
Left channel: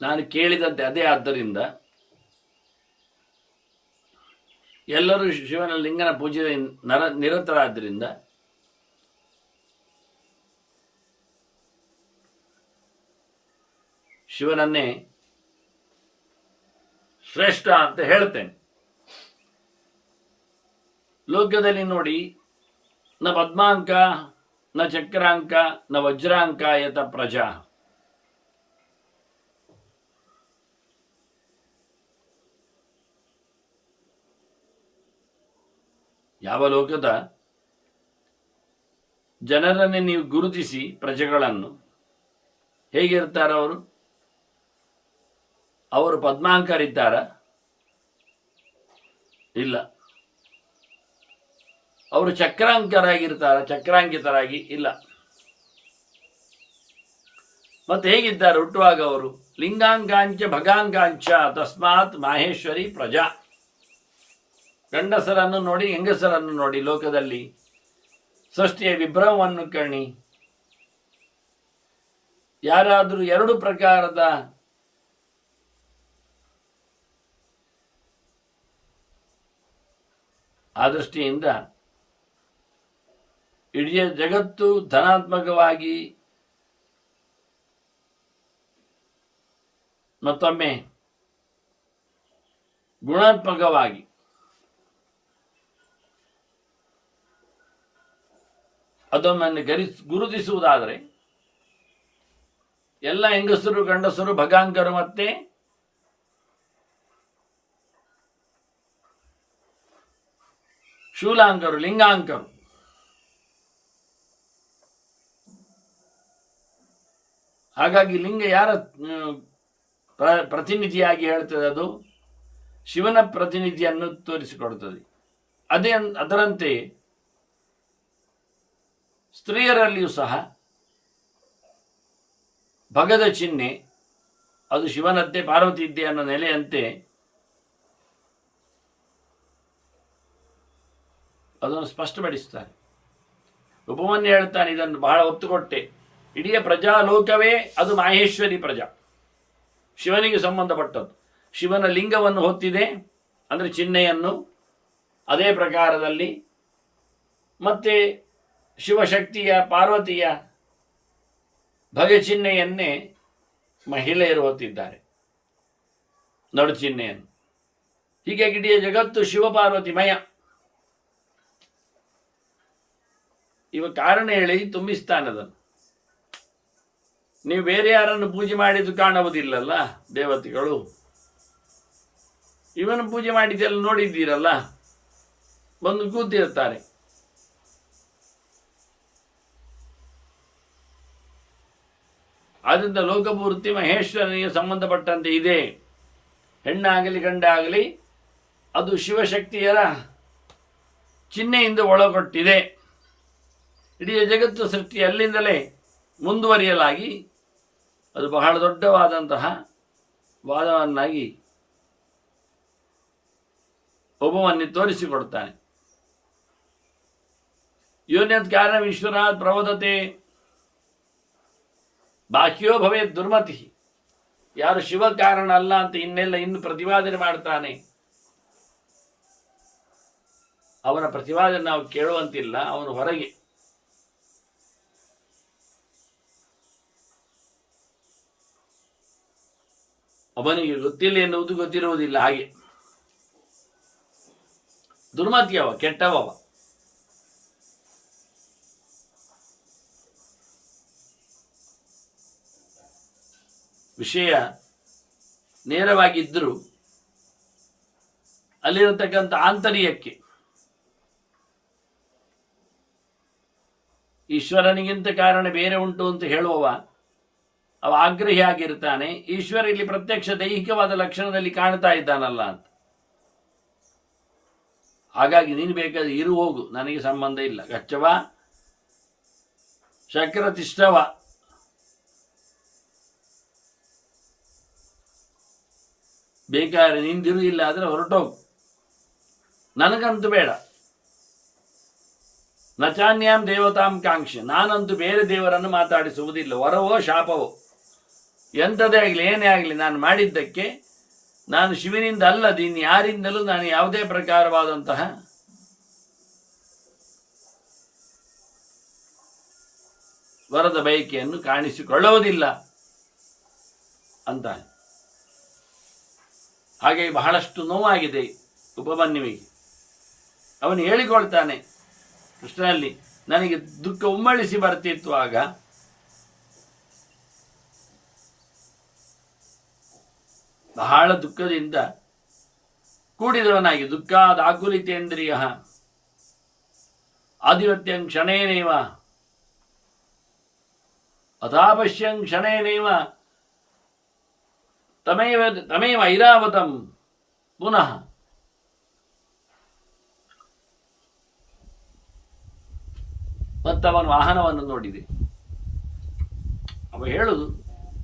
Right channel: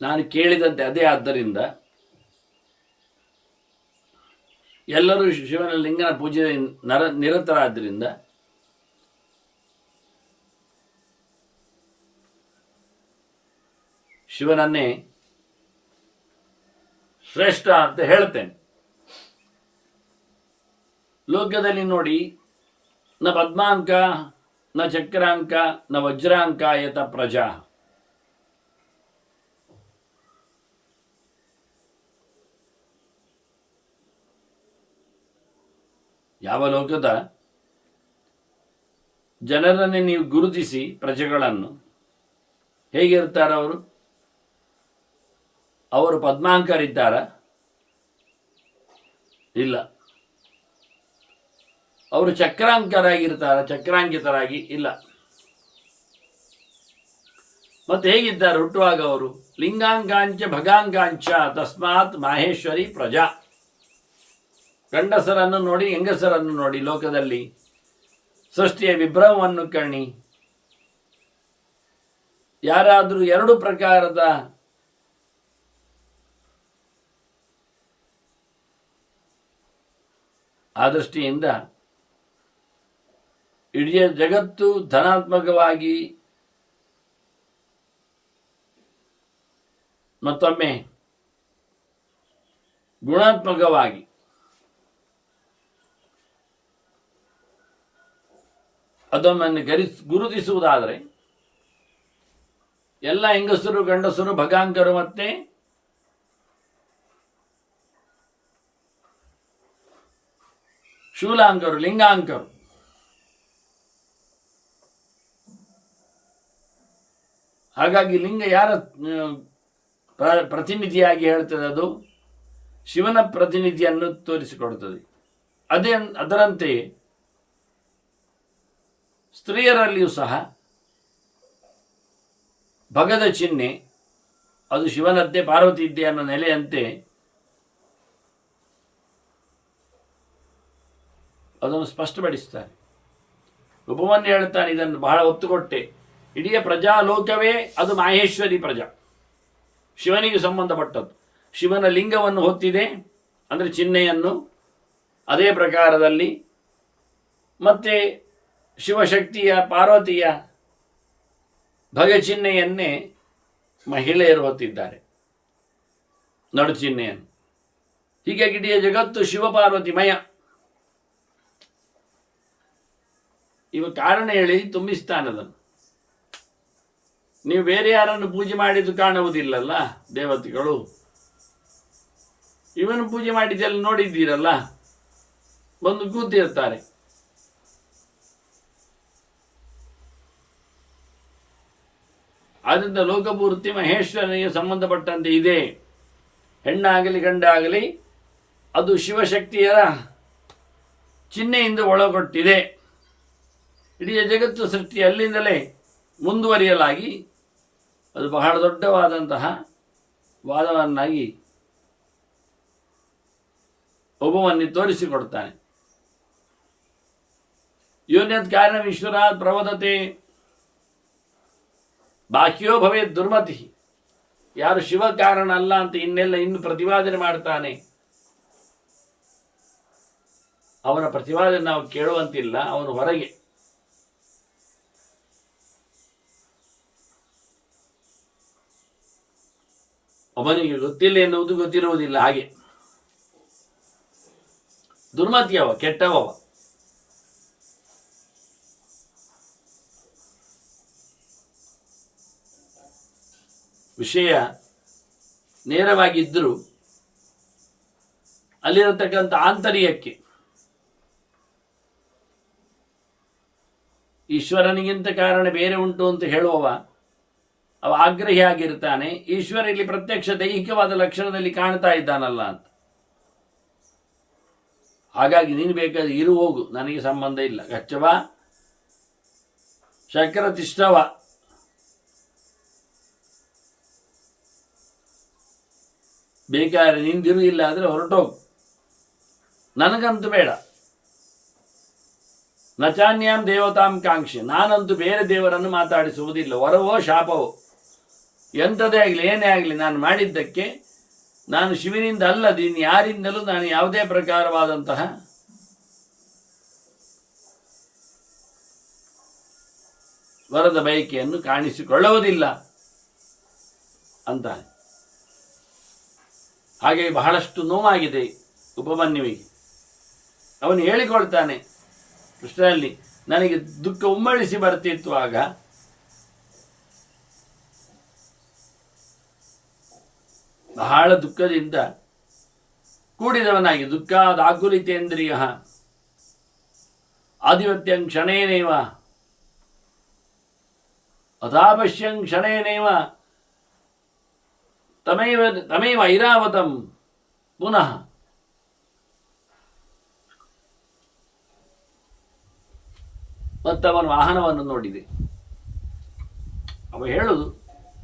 ನಾನು ಕೇಳಿದಂತೆ ಅದೇ. ಆದ್ದರಿಂದ ಎಲ್ಲರೂ ಶಿವನ ಲಿಂಗನ ಪೂಜೆ ನಿರತರಾದ್ದರಿಂದ ಶಿವನನ್ನೇ ಶ್ರೇಷ್ಠ ಅಂತ ಹೇಳ್ತೇನೆ. ಲೋಕದಲ್ಲಿ ನೋಡಿ, ನ ಪದ್ಮಾಂಕ ನ ಚಕ್ರಾಂಕ ನ ವಜ್ರಾಂಕ ಯತ ಪ್ರಜಾ. ಯಾವ ಲೋಕದ ಜನರನ್ನೇ ನೀವು ಗುರುತಿಸಿ ಪ್ರಜೆಗಳನ್ನು, ಹೇಗಿರ್ತಾರೆ ಅವರು? ಅವರು ಪದ್ಮಾಂಕರಿದ್ದಾರ? ಇಲ್ಲ. ಅವರು ಚಕ್ರಾಂಕರಾಗಿರ್ತಾರ? ಚಕ್ರಾಂಕಿತರಾಗಿ ಇಲ್ಲ. ಮತ್ತೆ ಹೇಗಿದ್ದಾರೆ ಹುಟ್ಟುವಾಗ ಅವರು? ಲಿಂಗಾಂಕಾಂಚ ಭಗಾಂಕಾಂಚ ತಸ್ಮಾತ್ ಮಾಹೇಶ್ವರಿ ಪ್ರಜಾ. ಗಂಡಸರನ್ನು ನೋಡಿ, ಹೆಂಗಸರನ್ನು ನೋಡಿ, ಲೋಕದಲ್ಲಿ ಸೃಷ್ಟಿಯ ವಿಭ್ರಮವನ್ನು ಕಣ್ಣಿ. ಯಾರಾದರೂ ಎರಡು ಪ್ರಕಾರದ ಆ ದೃಷ್ಟಿಯಿಂದ ಇಡೀ ಜಗತ್ತು ಧನಾತ್ಮಕವಾಗಿ ಮತ್ತೊಮ್ಮೆ ಗುಣಾತ್ಮಕವಾಗಿ ಅದೊಮ್ಮನ್ನು ಗುರುತಿಸುವುದಾದರೆ ಎಲ್ಲ ಹೆಂಗಸರು, ಗಂಡಸರು, ಭಗಾಂಕರು ಮತ್ತೆ ಶೂಲಾಂಕರು, ಲಿಂಗಾಂಕರು. ಹಾಗಾಗಿ ಲಿಂಗ ಯಾರ ಪ್ರತಿನಿಧಿಯಾಗಿ ಹೇಳ್ತದೆ? ಅದು ಶಿವನ ಪ್ರತಿನಿಧಿಯನ್ನು ತೋರಿಸಿಕೊಡುತ್ತದೆ. ಅದರಂತೆಯೇ ಸ್ತ್ರೀಯರಲ್ಲಿಯೂ ಸಹ ಭಗದ ಚಿಹ್ನೆ ಅದು ಶಿವನದ್ದೇ, ಪಾರ್ವತಿ ಇದ್ದೆ ಅನ್ನೋ ನೆಲೆಯಂತೆ ಅದನ್ನು ಸ್ಪಷ್ಟಪಡಿಸ್ತಾರೆ. ಉಪಮನ್ಯು ಹೇಳ್ತಾನೆ, ಇದನ್ನು ಬಹಳ ಒತ್ತು ಕೊಟ್ಟೆ. ಇಡೀ ಪ್ರಜಾಲೋಕವೇ ಅದು ಮಾಹೇಶ್ವರಿ ಪ್ರಜಾ. ಶಿವನಿಗೆ ಸಂಬಂಧಪಟ್ಟದ್ದು. ಶಿವನ ಲಿಂಗವನ್ನು ಹೊತ್ತಿದೆ ಅಂದರೆ ಚಿಹ್ನೆಯನ್ನು. ಅದೇ ಪ್ರಕಾರದಲ್ಲಿ ಮತ್ತೆ ಶಿವಶಕ್ತಿಯ ಪಾರ್ವತಿಯ ಭಗಚಿಹ್ನೆಯನ್ನೇ ಮಹಿಳೆಯರು ಹೊತ್ತಿದ್ದಾರೆ, ನಡು ಚಿಹ್ನೆಯನ್ನು. ಹೀಗಾಗಿ ಇಡೀ ಜಗತ್ತು ಶಿವಪಾರ್ವತಿಮಯ. ಇವ ಕಾರಣ ಹೇಳಿ ತುಂಬಿಸ್ತಾನದನ್ನು. ನೀವು ಬೇರೆ ಯಾರನ್ನು ಪೂಜೆ ಮಾಡಿದ್ದು ಕಾಣುವುದಿಲ್ಲಲ್ಲ ದೇವತೆಗಳು, ಇವನು ಪೂಜೆ ಮಾಡಿದ್ದೆಲ್ಲ ನೋಡಿದ್ದೀರಲ್ಲ, ಬಂದು ಕೂತಿರ್ತಾರೆ. ಆದ್ದರಿಂದ ಲೋಕಪೂರ್ತಿ ಮಹೇಶ್ವರನಿಗೆ ಸಂಬಂಧಪಟ್ಟಂತೆ ಇದೆ. ಹೆಣ್ಣಾಗಲಿ ಗಂಡಾಗಲಿ ಅದು ಶಿವಶಕ್ತಿಯರ ಚಿಹ್ನೆಯಿಂದ ಒಳಗೊಟ್ಟಿದೆ. ಇಡೀ ಜಗತ್ತು ಸೃಷ್ಟಿ ಅಲ್ಲಿಂದಲೇ ಮುಂದುವರಿಯಲಾಗಿ ಅದು ಬಹಳ ದೊಡ್ಡವಾದಂತಹ ವಾದವನ್ನಾಗಿ ಒಬ್ಬವನ್ನೇ ತೋರಿಸಿಕೊಡ್ತಾನೆ. ಯೋನ್ಯತ್ ಕಾರಣವೀಶ್ವರಾತ್ ಪ್ರವದತೆ ಬಾಹ್ಯೋ ಭವೇತ್ ದುರ್ಮತಿ. ಯಾರು ಶಿವ ಕಾರಣ ಅಲ್ಲ ಅಂತ ಇನ್ನು ಪ್ರತಿಪಾದನೆ ಮಾಡ್ತಾನೆ, ಅವನ ಪ್ರತಿಪಾದನೆ ನಾವು ಕೇಳುವಂತಿಲ್ಲ. ಅವನು ಹೊರಗೆ. ಅವನಿಗೆ ಗೊತ್ತಿಲ್ಲ ಎನ್ನುವುದು ಗೊತ್ತಿರುವುದಿಲ್ಲ. ಹಾಗೆ ದುರ್ಮತಿಯವ, ಕೆಟ್ಟವವ. ವಿಷಯ ನೇರವಾಗಿದ್ದರೂ ಅಲ್ಲಿರತಕ್ಕಂಥ ಆಂತರ್ಯಕ್ಕೆ ಈಶ್ವರನಿಗಿಂತ ಕಾರಣ ಬೇರೆ ಉಂಟು ಅಂತ ಹೇಳುವವ ಅವ ಆಗ್ರಹಿಯಾಗಿರ್ತಾನೆ. ಈಶ್ವರ ಇಲ್ಲಿ ಪ್ರತ್ಯಕ್ಷ ದೈಹಿಕವಾದ ಲಕ್ಷಣದಲ್ಲಿ ಕಾಣ್ತಾ ಇದ್ದಾನಲ್ಲ ಅಂತ. ಹಾಗಾಗಿ ನೀನು ಬೇಕಾದ್ರೆ ಇರು, ಹೋಗು, ನನಗೆ ಸಂಬಂಧ ಇಲ್ಲ. ಗಚ್ಚವ ಶಕ್ರತಿಷ್ಠವ. ಬೇಕಾದ್ರೆ ನಿಂದಿರು, ಇಲ್ಲ ಆದರೆ ಹೊರಟೋಗು, ನನಗಂತೂ ಬೇಡ. ನಚಾನ್ಯಾಂ ದೇವತಾಂ ಕಾಂಕ್ಷೆ. ನಾನಂತೂ ಬೇರೆ ದೇವರನ್ನು ಮಾತಾಡಿಸುವುದಿಲ್ಲ. ವರವೋ ಶಾಪವೋ ಎಂಥದೇ ಆಗಲಿ ಏನೇ ಆಗಲಿ ನಾನು ಮಾಡಿದ್ದಕ್ಕೆ ನಾನು ಶಿವನಿಂದ ಅಲ್ಲದೆ ಇನ್ನು ಯಾರಿಂದಲೂ ನಾನು ಯಾವುದೇ ಪ್ರಕಾರವಾದಂತಹ ವರದ ಬಯಕೆಯನ್ನು ಕಾಣಿಸಿಕೊಳ್ಳುವುದಿಲ್ಲ ಅಂತಾನೆ. ಹಾಗೆ ಬಹಳಷ್ಟು ನೋವಾಗಿದೆ ಉಪಮನ್ಯುವಿಗೆ. ಅವನು ಹೇಳಿಕೊಳ್ತಾನೆ ಕೃಷ್ಣನಲ್ಲಿ, ನನಗೆ ದುಃಖ ಉಮ್ಮಳಿಸಿ ಬರ್ತಿತ್ತು. ಆಗ ಬಹಳ ದುಃಖದಿಂದ ಕೂಡಿದವನಾಗಿ, ದುಃಖಾದಾಕುಲಿತೇಂದ್ರಿಯ ಆಧಿಪತ್ಯಂ ಕ್ಷಣೇನೇವ ಅಥಾಪಶ್ಯಂ ಕ್ಷಣೇನೇವ ತಮೇವ ಐರಾವತಂ ಪುನಃ. ಮತ್ತವನ ವಾಹನವನ್ನು ನೋಡಿದೆ. ಅವ ಹೇಳುದು,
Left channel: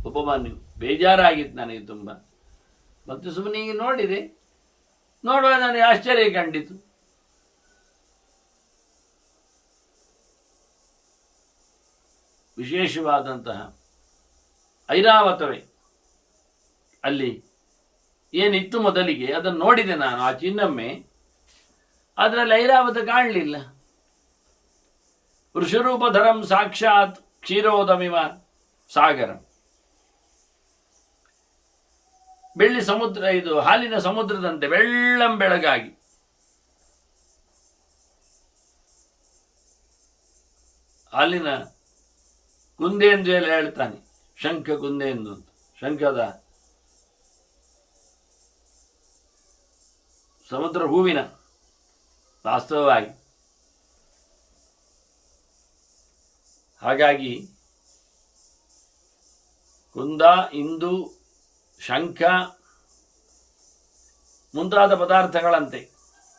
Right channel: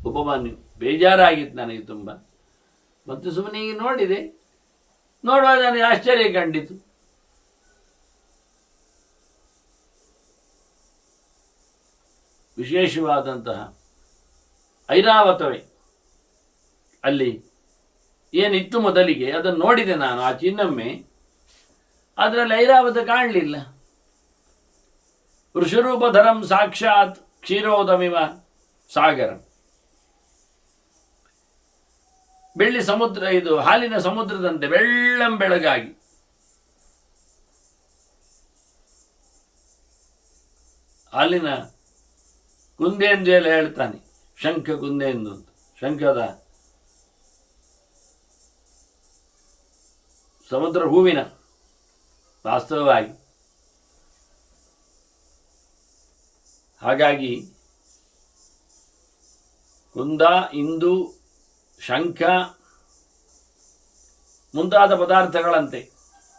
ಉಪಮಾನ್ಯು ಬೇಜಾರಾಗಿತ್ತು ನನಗೆ ತುಂಬ. ಮತ್ತು ಸುಮ್ಮನೆ ನೋಡಿದೆ. ನೋಡುವಾಗ ನನಗೆ ಆಶ್ಚರ್ಯ ಕಂಡಿತು. ವಿಶೇಷವಾದಂತಹ ಐರಾವತವೇ ಅಲ್ಲಿ ಏನಿತ್ತು ಮೊದಲಿಗೆ ಅದನ್ನು ನೋಡಿದೆ ನಾನು, ಆ ಚಿನ್ನೊಮ್ಮೆ. ಅದರಲ್ಲಿ ಐರಾವತ ಕಾಣಲಿಲ್ಲ. ವೃಷರೂಪಧರಂ ಸಾಕ್ಷಾತ್ ಕ್ಷೀರೋದಮಿವ ಸಾಗರಂ. ಬೆಳ್ಳಿ ಸಮುದ್ರ, ಇದು ಹಾಲಿನ ಸಮುದ್ರದಂತೆ ಬೆಳ್ಳಂಬೆಳಗಾಗಿ. ಹಾಲಿನ ಕುಂದೆಂದು ಎಲ್ಲ ಹೇಳ್ತಾನೆ, ಶಂಖ ಕುಂದೆಂದು ಅಂತ. ಶಂಖದ ಸಮುದ್ರ ಹೂವಿನ ವಾಸ್ತವವಾಗಿ. ಹಾಗಾಗಿ ಕುಂದ, ಇಂದು, ಶಂಖ ಮುಂತಾದ ಪದಾರ್ಥಗಳಂತೆ,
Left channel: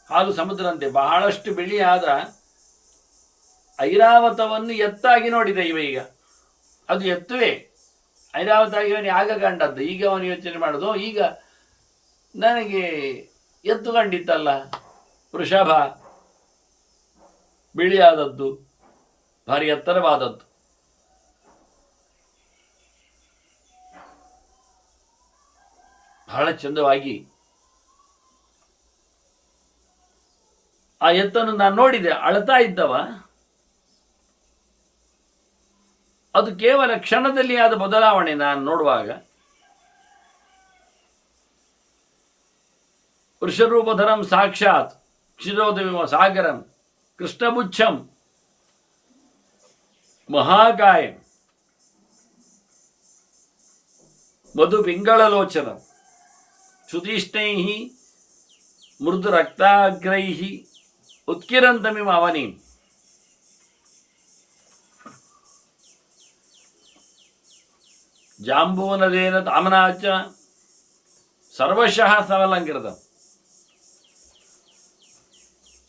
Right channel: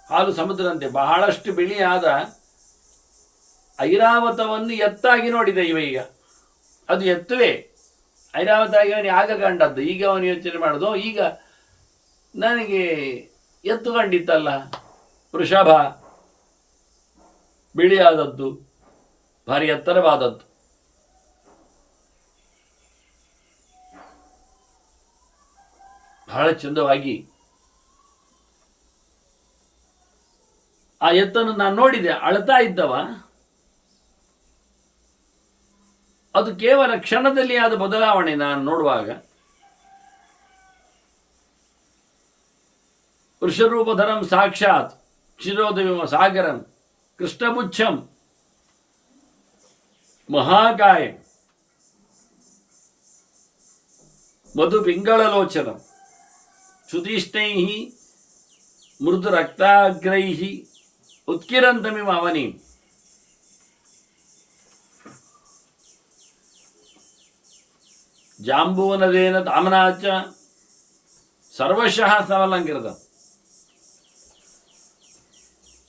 ಹಾಲು ಸಮುದ್ರಂತೆ ಬಹಳಷ್ಟು ಬಿಳಿಯಾದ ಐರಾವತವನ್ನು ಎತ್ತಾಗಿ ನೋಡಿದೆ ಇವ. ಈಗ ಅದು ಎತ್ತುವೆ ಐರಾವತಾಗಿ ಅವನಿಗೆ ಆಗ ಕಂಡದ್ದು. ಈಗ ಅವನು ಯೋಚನೆ ಮಾಡೋದು, ಈಗ ನನಗೆ ಎತ್ತು ಕಂಡಿತ್ತಲ್ಲ, ವೃಷಭ ಬಿಳಿಯಾದದ್ದು, ಭಾರಿ ಎತ್ತರವಾದದ್ದು. ಬಹಳ ಚಂದವಾಗಿ ಆ ಎತ್ತನ್ನು ನಾನು ನೋಡಿದೆ. ಅಳ್ತಾ ಇದ್ದವ ಅದು ಕೇವಲ ಕ್ಷಣದಲ್ಲಿ ಆದ ಬದಲಾವಣೆ. ನಾನು ನೋಡುವಾಗ ವೃಷರೂಪಧರಂ ಸಾಕ್ಷಾತ್ ಕ್ಷಿರೋದವಿಮ ಸಾಗರಂ ಕೃಷ್ಣಪುಚ್ಛಂ ಮಹಾಕಾಯ ಮಧು ಪಿಂಗಳಲೋಚನ ಸುತೀಷ್ಣೈ ಮೃದು ರಕ್ತಾಗ್ರೈ ಉತ್ಕಿರಂತಮಿವ ಅವನಿ ಜಾಂಬೂನದೇನ ತಾಮನಾಚ ಸರ್ವಶಃ ಸಮಲಂಕೃತ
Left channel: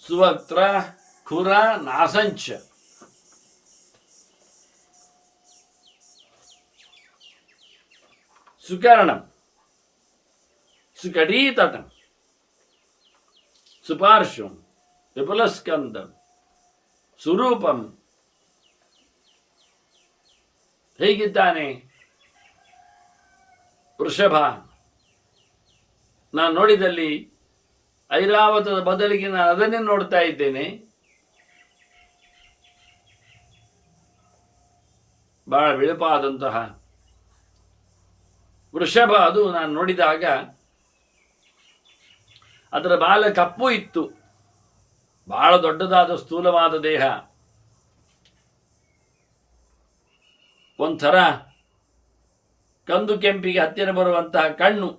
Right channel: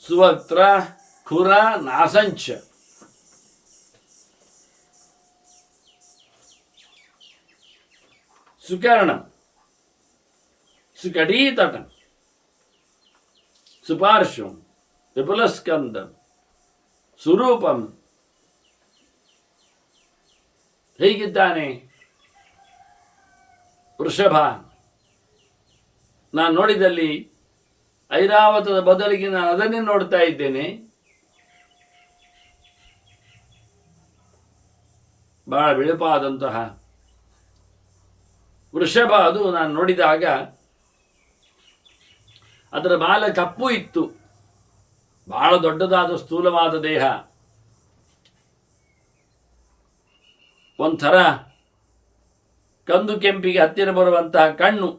ಸುವಕ್ತ್ರ ಖುರ ನಾಸಂಚ ಸುಕರ್ಣಂ ಸುಕಟೀತಟಂ ಸುಪಾರ್ಶ್ವಂ ವಿಪುಲಸ್ಕಂದಂ ಸುರೂಪಂ. ಹೇಗಿದ್ದಾನೆ ವೃಷಭ? ನಾನು ನೋಡಿದಲ್ಲಿ ಐರಾವತದ ಬದಲಿಗೆ ನಾನು ಅದನ್ನೇ ನೋಡ್ತಾ ಇದ್ದೇನೆ. ಬಹಳ ಬಿಳುಪಾದಂತಹ ವೃಷಭ. ಅದು ನಾನು ನೋಡಿದಾಗ ಅದರ ಬಾಲ ಕಪ್ಪು ಇತ್ತು, ಬಹಳ ದೊಡ್ಡದಾದ ಸ್ಥೂಲವಾದ ದೇಹ, ಒಂಥರ ಕಂದು ಕೆಂಪಿಗೆ ಹತ್ತಿರ ಬರುವಂತಹ ಕಣ್ಣು.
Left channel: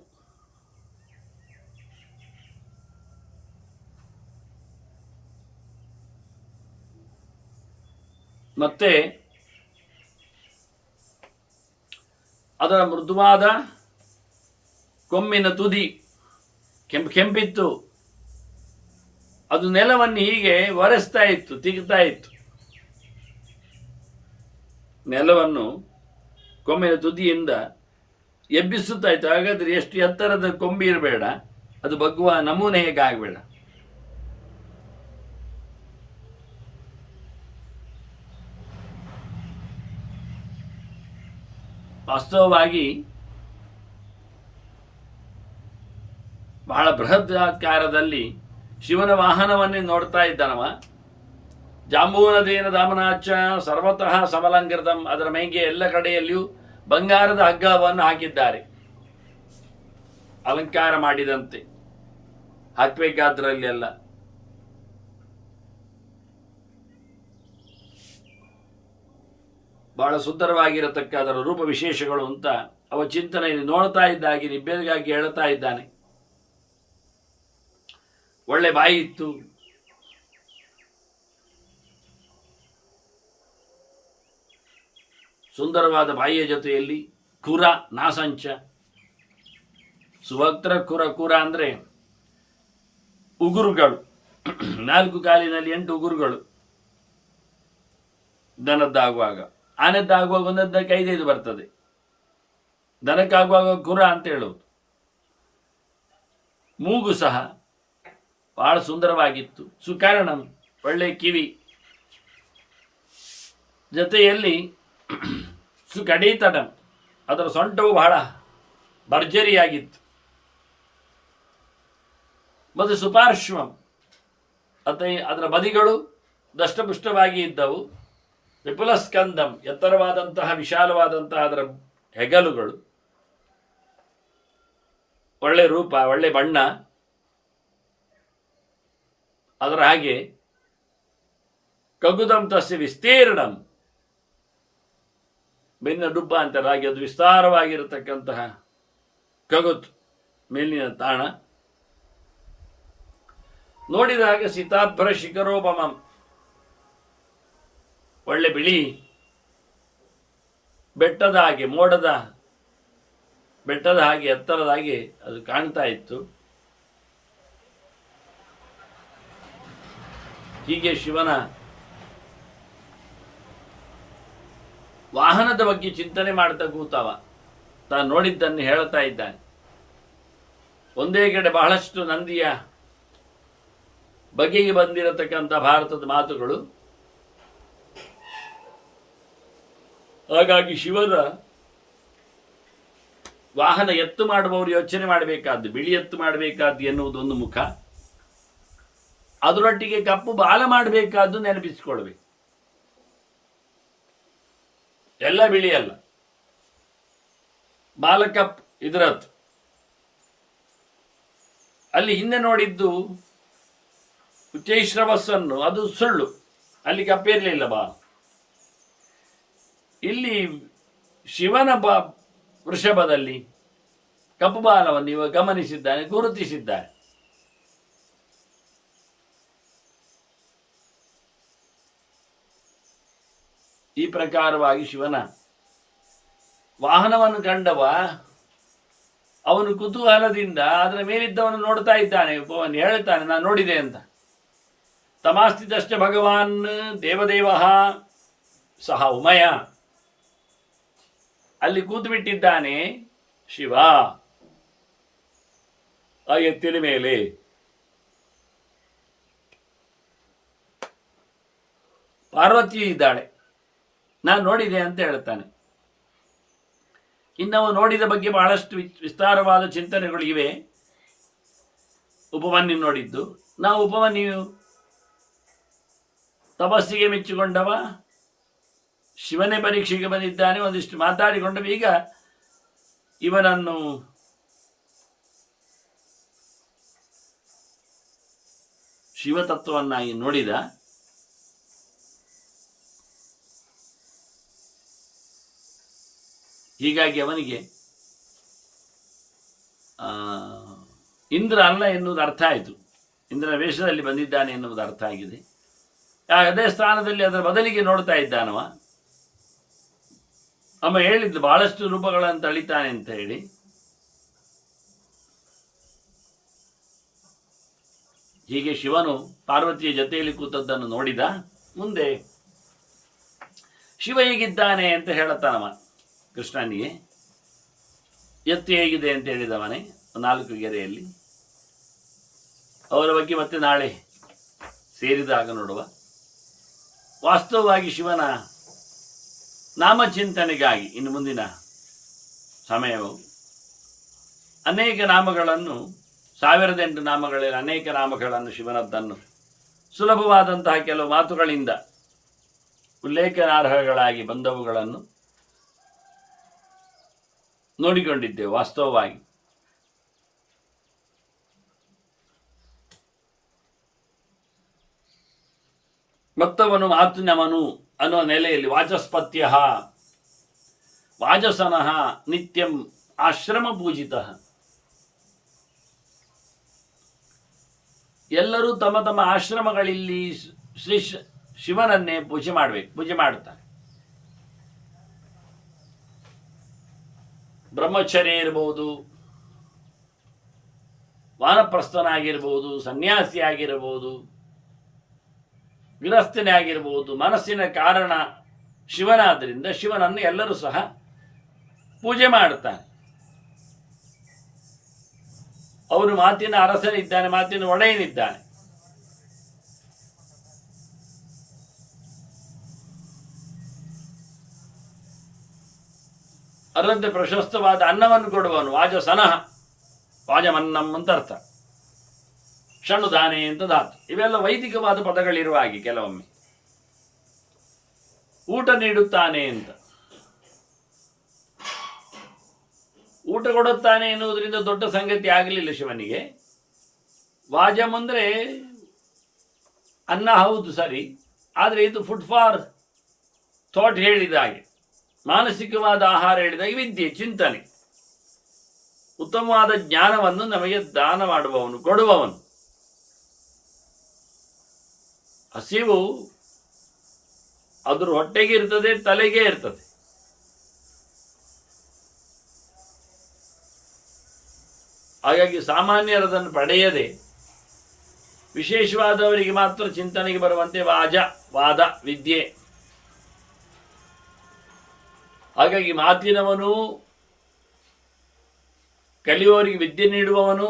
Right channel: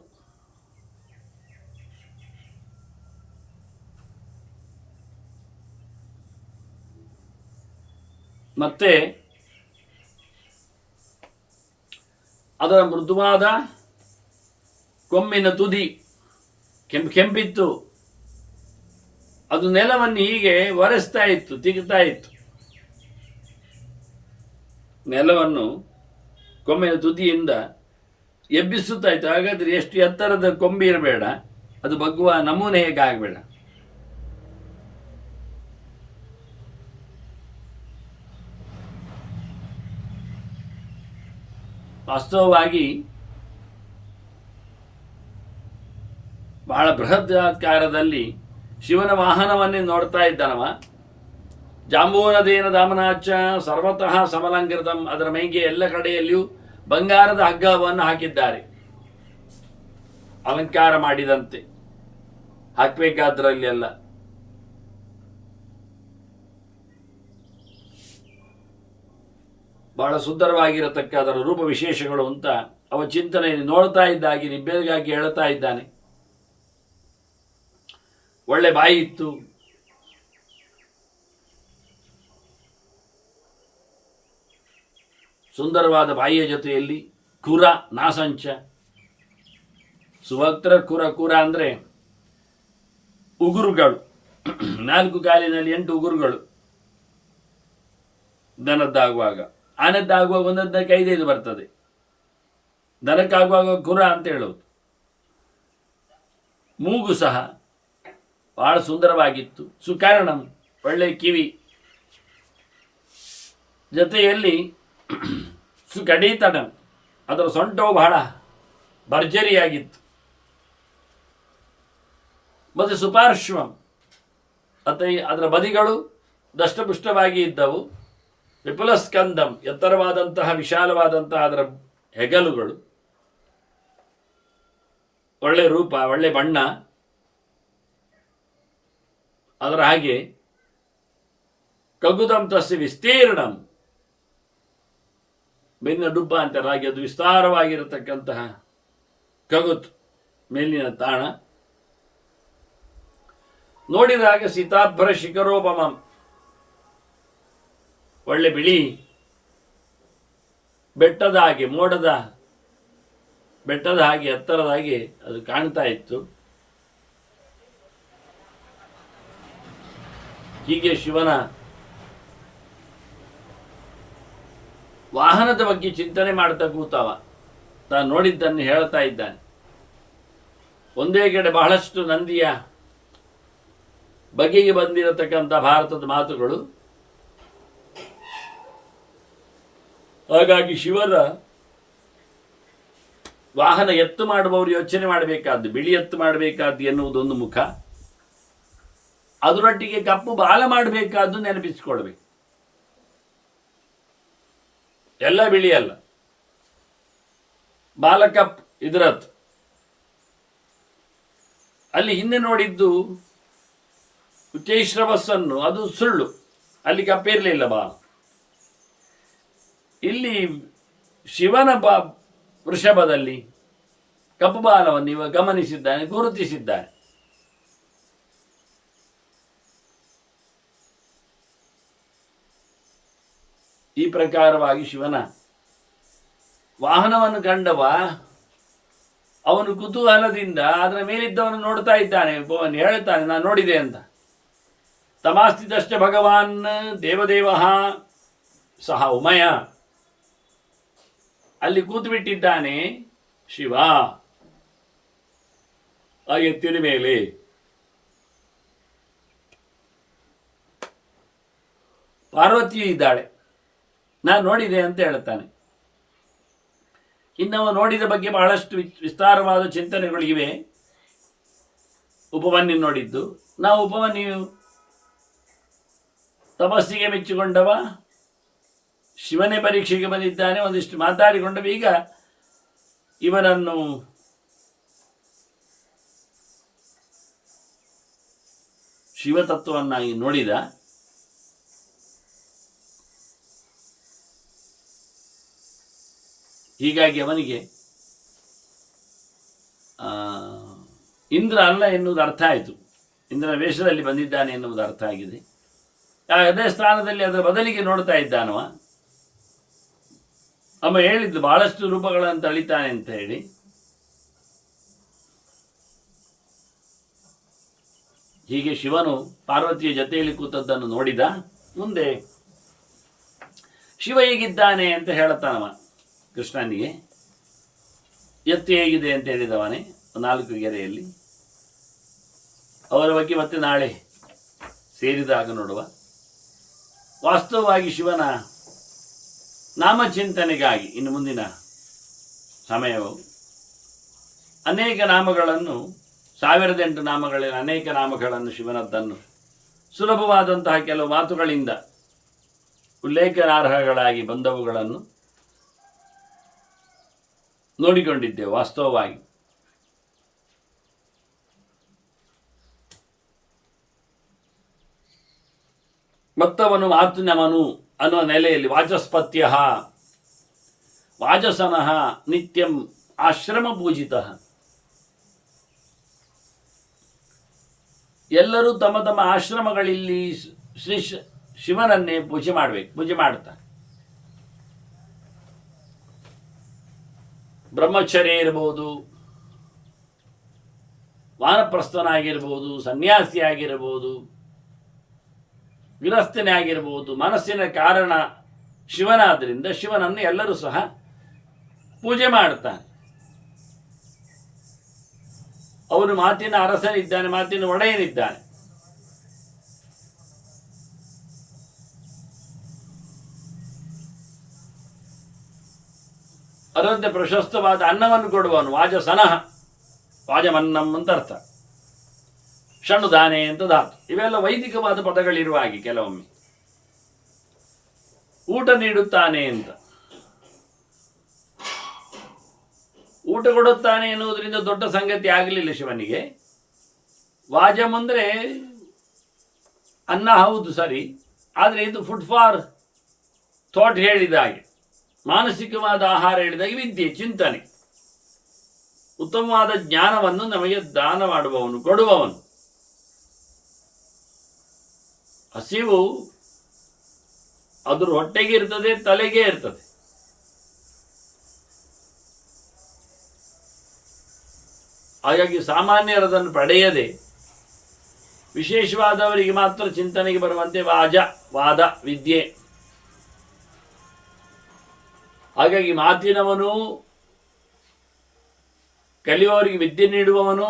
ಮತ್ತೆ ಅದರ ಮೃದುವಾದ ಕೊಂಬಿನ ತುದಿ ಕೆಂಪಿತ್ತು. ಅದು ನೆಲವನ್ನು ಹೀಗೆ ಒರೆಸ್ತಾ ಇತ್ತು, ತಿಗುತ್ತಾ ಇತ್ತು. ನೆಲವನ್ನು ಕೊಂಬಿನ ತುದಿಯಿಂದ ಎಬ್ಬಿಸುತ್ತಾ ಇತ್ತು. ಹಾಗಾದ್ರೆ ಎಷ್ಟು ಎತ್ತರದ ಕೊಂಬಿ ಇರಬೇಡ, ಅದು ಬಗ್ಗುವ ನಮೂನೆ ಹೇಗೆ ಆಗಬೇಡ. ವಾಸ್ತವವಾಗಿ ಬಹಳ ಬೃಹದಾಕಾರದಲ್ಲಿ ಶಿವನ ವಾಹನವನ್ನೇ ನೋಡ್ತಾ ಇದ್ದಾನವ. ಜಾಂಬೂನದೇನ ದಾಮನಾಚ ಸರ್ವತಃ ಸಮಲಂಕೃತಂ. ಅದರ ಮೈಗೆ ಎಲ್ಲ ಕಡೆಯಲ್ಲಿಯೂ ಬಂಗಾರದ ಹಗ್ಗವನ್ನು ಹಾಕಿದ್ದಾರೆ, ಅಲಂಕಾರ ಮಾಡಿದಂತೆ ಹಾಕಬೇಕಾದ್ರಲ್ಲಿ ಎಲ್ಲ. ಬಹಳ ಸುಂದರವಾಗಿರತಕ್ಕ ಅದರ ರೂಪ ವಿಶೇಷಗಳು ಅಂತ ಅವ ಚಿಂತನೆ ನೋಡ್ತಾ ಇದ್ದಾಗಿ ನಿಬ್ಬೆರಗಾಗಿ ಹೇಳ್ತಾ ಇದ್ದಾನೆ. ಒಳ್ಳೆ ಬಾಯಿ ಇತ್ತು, ಸುಂದರವಾದ ಬಾಯಿಯ ಜೊತೆಯಲ್ಲಿ ಕುರ ನಾಸಂಚ ಸುವಕ್ತ್ರ ಕುರ. ಕುರ ಅಂದರೆ ಉಗುರುಗಳು, 4 ಕಾಲಿನಲ್ಲಿ 8 ಉಗುರುಗಳು. ದನದ್ದಾಗುವಾಗ, ಆನೆದ್ದಾಗುವಾಗ ಒಂದೊಂದಕ್ಕೆ 5 ಬರ್ತದೆ. ದನಕ್ಕಾಗುವಾಗ ಕುರ ಅಂತ ಹೇಳೋದು. ಮೂಗು ಸಹ ಬಹಳ ಸುಂದರವಾಗಿತ್ತು. ಸುಕರ್ಣಂ, ಒಳ್ಳೆ ಕಿವಿ, ಜೊತೆಯಲ್ಲಿ ಸುಕಡೀತಡಂ, ಅದರ ಸೊಂಟವು ಬಹಳ ಭರ್ಜರಿಯಾಗಿತ್ತು. ಮತ್ತು ಸುಪಾರ್ಶ್ವಂ, ಅದರ ಬದಿಗಳು ದಷ್ಟಪುಷ್ಟವಾಗಿ ಇದ್ದವು. ವಿಪುಲಸ್ಕಂದಂ, ಎತ್ತರವಾದಂತಹ ವಿಶಾಲವಾದಂತಹ ಅದರ ಹೆಗಲುಗಳು. ಒಳ್ಳೆ ರೂಪ, ಒಳ್ಳೆ ಬಣ್ಣ. ಅದರ ಹಾಗೆ ಕಗುದಂ ತಸ್ಯ ವಿಸ್ತೀರ್ಣಂ, ಬೆನ್ನ ಡುಬ್ಬ ಅಂತಾರೆ ಹಾಗೆ ಅದು ವಿಸ್ತಾರವಾಗಿರತಕ್ಕಂತಹ ಕಗುತ್, ಮೇಲಿನ ತಾಣ. ನೋಡಿದಾಗ ಸೀತಾಭರ ಶಿಖರೋಪಮಂ, ಒಳ್ಳೆ ಬಿಳಿ ಬೆಟ್ಟದ ಹಾಗೆ, ಮೋಡದ ಬೆಟ್ಟದ ಹಾಗೆ, ಎತ್ತರದ ಹಾಗೆ ಅದು ಕಾಣ್ತಾ ಇತ್ತು. ಹೀಗೆ ಶಿವನ ವಾಹನದ ಬಗ್ಗೆ ಚಿಂತನೆ ಮಾಡ್ತಾ ಕೂತಾವ. ತಾನು ನೋಡಿದ್ದನ್ನು ಹೇಳ್ತಾ ಇದ್ದಾನೆ. ಒಂದೇ ಕಡೆ ಬಹಳಷ್ಟು ನಂದಿಯ ಬಗೆಗೆ ಬಂದಿರತಕ್ಕಂಥ ಭಾರತದ ಮಾತುಗಳು. ಹಾಗಾಗಿ ಶಿವರ ವಾಹನ ಎತ್ತು ಮಾಡುವವರು ಯೋಚನೆ ಮಾಡಬೇಕಾದ್ದು, ಬಿಳಿ ಎತ್ತು ಮಾಡಬೇಕಾದ್ದು ಎನ್ನುವುದೊಂದು ಮುಖ, ಅದರೊಟ್ಟಿಗೆ ಕಪ್ಪು ಬಾಲ ಮಾಡಬೇಕಾದ್ದು ನೆನಪಿಸಿಕೊಳ್ಬೇಕು. ಎಲ್ಲ ಬಿಳಿ ಅಲ್ಲ, ಬಾಲ ಕಪ್ ಇದರತ್ತು. ಅಲ್ಲಿ ಹಿಂದೆ ನೋಡಿದ್ದು ಉಚ್ಚೈಶ್ರವಸ್ಸನ್ನು, ಅದು ಸುಳ್ಳು, ಅಲ್ಲಿ ಕಪ್ಪಿರಲಿಲ್ಲ ಬಾಲ. ಇಲ್ಲಿ ಶಿವನ ವೃಷಭದಲ್ಲಿ ಕಪ್ಪು ಬಾಲವನ್ನು ಇವ ಗಮನಿಸಿದ್ದಾನೆ, ಗುರುತಿಸಿದ್ದಾನೆ. ಈ ಪ್ರಕಾರವಾಗಿ ಶಿವನ ವಾಹನವನ್ನು ಕಂಡವ ಅವನು ಕುತೂಹಲದಿಂದ ಅದರ ಮೇಲಿದ್ದವನು ನೋಡ್ತಾ ಇದ್ದಾನೆ. ಹೇಳ್ತಾನೆ, ನಾನು ನೋಡಿದೆ ಅಂತ. ತಮಾಸ್ತಿತಶ್ಚ ಭಗವಾನ್ ದೇವದೇವ ಸಹ ಉಮಯ. ಅಲ್ಲಿ ಕೂತು ಬಿಟ್ಟಿದ್ದಾನೆ ಶಿವ ಆ ಎತ್ತಿನ ಮೇಲೆ. ಪಾರ್ವತಿಯೂ ಇದ್ದಾಳೆ, ನಾನು ನೋಡಿದೆ ಅಂತ ಹೇಳ್ತಾನೆ. ಇನ್ನವ ನೋಡಿದ ಬಗ್ಗೆ ಬಹಳಷ್ಟು ವಿಸ್ತಾರವಾದ ಚಿಂತನೆಗಳಿವೆ. ಉಪಮನ್ಯು ನೋಡಿದ್ದು, ನಾವು ಉಪಮನ್ಯು ತಪಸ್ಸಿಗೆ ಮೆಚ್ಚಿಕೊಂಡವ, ಶಿವನೇ ಪರೀಕ್ಷೆಗೆ ಬಂದಿದ್ದಾನೆ, ಒಂದಿಷ್ಟು ಮಾತಾಡಿಕೊಂಡವ. ಈಗ ಇವನನ್ನು ಶಿವತತ್ವವನ್ನಾಗಿ ನೋಡಿದ. ಹೀಗಾಗಿ ಅವನಿಗೆ ಇಂದ್ರ ಅಲ್ಲ ಎನ್ನುವುದು ಅರ್ಥ ಆಯಿತು. ಇಂದ್ರನ ವೇಷದಲ್ಲಿ ಬಂದಿದ್ದಾನೆ ಎನ್ನುವುದು ಅರ್ಥ ಆಗಿದೆ. ಅದೇ ಸ್ಥಾನದಲ್ಲಿ ಅದರ ಬದಲಿಗೆ ನೋಡ್ತಾ ಇದ್ದಾನವ. ಅಮ್ಮ ಹೇಳಿದ್ದು ಬಹಳಷ್ಟು ರೂಪಗಳನ್ನು ತಳಿತಾನೆ ಅಂತ ಹೇಳಿ. ಹೀಗೆ ಶಿವನು ಪಾರ್ವತಿಯ ಜೊತೆಯಲ್ಲಿ ಕೂತದ್ದನ್ನು ನೋಡಿದ. ಮುಂದೆ ಶಿವ ಹೇಗಿದ್ದಾನೆ ಅಂತ ಹೇಳುತ್ತಾನವ ಕೃಷ್ಣನಿಗೆ. ಎತ್ತು ಹೇಗಿದೆ ಅಂತ ಹೇಳಿದವನೇ 4 ಗೆರೆಯಲ್ಲಿ. ಅವರ ಬಗ್ಗೆ ಮತ್ತೆ ನಾಳೆ ಸೇರಿದಾಗ ನೋಡುವ. ವಾಸ್ತವವಾಗಿ ಶಿವನ ನಾಮಚಿಂತನೆಗಾಗಿ ಇನ್ನು ಮುಂದಿನ ಸಮಯವು ಅನೇಕ ನಾಮಗಳನ್ನು, 1008 ನಾಮಗಳಲ್ಲಿ ಅನೇಕ ನಾಮಗಳನ್ನು, ಶಿವನದ್ದನ್ನು ಸುಲಭವಾದಂತಹ ಕೆಲವು ಮಾತುಗಳಿಂದ ಉಲ್ಲೇಖನಾರ್ಹಗಳಾಗಿ ಬಂದವುಗಳನ್ನು ನೋಡಿಕೊಂಡಿದ್ದೇವೆ. ವಾಸ್ತವವಾಗಿ ಮತ್ತವನು ಮಾತುನವನು ಅನ್ನುವ ನೆಲೆಯಲ್ಲಿ ವಾಚಸ್ಪತ್ಯ ವಾಚಸನಃ ನಿತ್ಯಂ ಆಶ್ರಮ ಪೂಜಿತ. ಎಲ್ಲರೂ ತಮ್ಮ ತಮ್ಮ ಆಶ್ರಮಗಳಲ್ಲಿ ಶ್ರೀ ಶಿವನನ್ನೇ ಪೂಜೆ ಮಾಡ್ತಾರೆ. ಬ್ರಹ್ಮಚರ್ಯ ಇರಬಹುದು, ವಾನಪ್ರಸ್ಥನಾಗಿರ್ಬೋದು, ಸನ್ಯಾಸಿ ಆಗಿರಬಹುದು, ಗೃಹಸ್ಥನೇ ಆಗಿರಬಹುದು. ಮನಸ್ಸಿನ ಕಾರಣ ಶಿವನಾದ್ದರಿಂದ ಶಿವನನ್ನು ಎಲ್ಲರೂ ಸಹ ಪೂಜೆ ಮಾಡ್ತಾನೆ. ಅವನು ಮಾತಿನ ಅರಸನಿದ್ದಾನೆ, ಮಾತಿನ ಒಡೆಯನಿದ್ದಾನೆ. ಅದರಂತೆ ಪ್ರಶಸ್ತವಾದ ಅನ್ನವನ್ನು ಕೊಡುವನು ವಾಜಸನಃ, ವಾಜಮನ್ನಂ ಅಂತ ಅರ್ಥ. ಷಣುದಾನೆ ಅಂತ ಧಾತು. ಇವೆಲ್ಲ ವೈದಿಕವಾದ ಪದಗಳಿರುವ ಹಾಗೆ ಕೆಲವೊಮ್ಮೆ. ಊಟ ನೀಡುತ್ತಾನೆ ಅಂತ. ಊಟ ಕೊಡುತ್ತಾನೆ ಎನ್ನುವುದರಿಂದ ದೊಡ್ಡ ಸಂಗತಿ ಆಗಲಿಲ್ಲ ಶಿವನಿಗೆ. ವಾಜಮ್ ಅಂದರೆ ಅನ್ನ, ಹೌದು ಸರಿ, ಆದರೆ ಇದು ಫುಡ್ ಫಾರ್ ಥಾಟ್ ಹೇಳಿದ ಹಾಗೆ, ಮಾನಸಿಕವಾದ ಆಹಾರ ಹೇಳಿದಾಗ ವಿದ್ಯೆ, ಚಿಂತನೆ, ಉತ್ತಮವಾದ ಜ್ಞಾನವನ್ನು ನಮಗೆ ದಾನ ಮಾಡುವವನು, ಕೊಡುವವನು. ಹಸಿವು ಅದ್ರ ಹೊಟ್ಟೆಗೆ ಇರ್ತದೆ, ತಲೆಗೆ ಇರ್ತದೆ. ಹಾಗಾಗಿ ಸಾಮಾನ್ಯರದನ್ನು ಪಡೆಯದೆ ವಿಶೇಷವಾದವರಿಗೆ ಮಾತ್ರ ಚಿಂತನೆಗೆ ಬರುವಂತೆ ವಾದ ವಿದ್ಯೆ. ಹಾಗಾಗಿ ಮಾತಿನವನು, ಕಲಿಯುವವರಿಗೆ ವಿದ್ಯೆ ನೀಡುವವನು,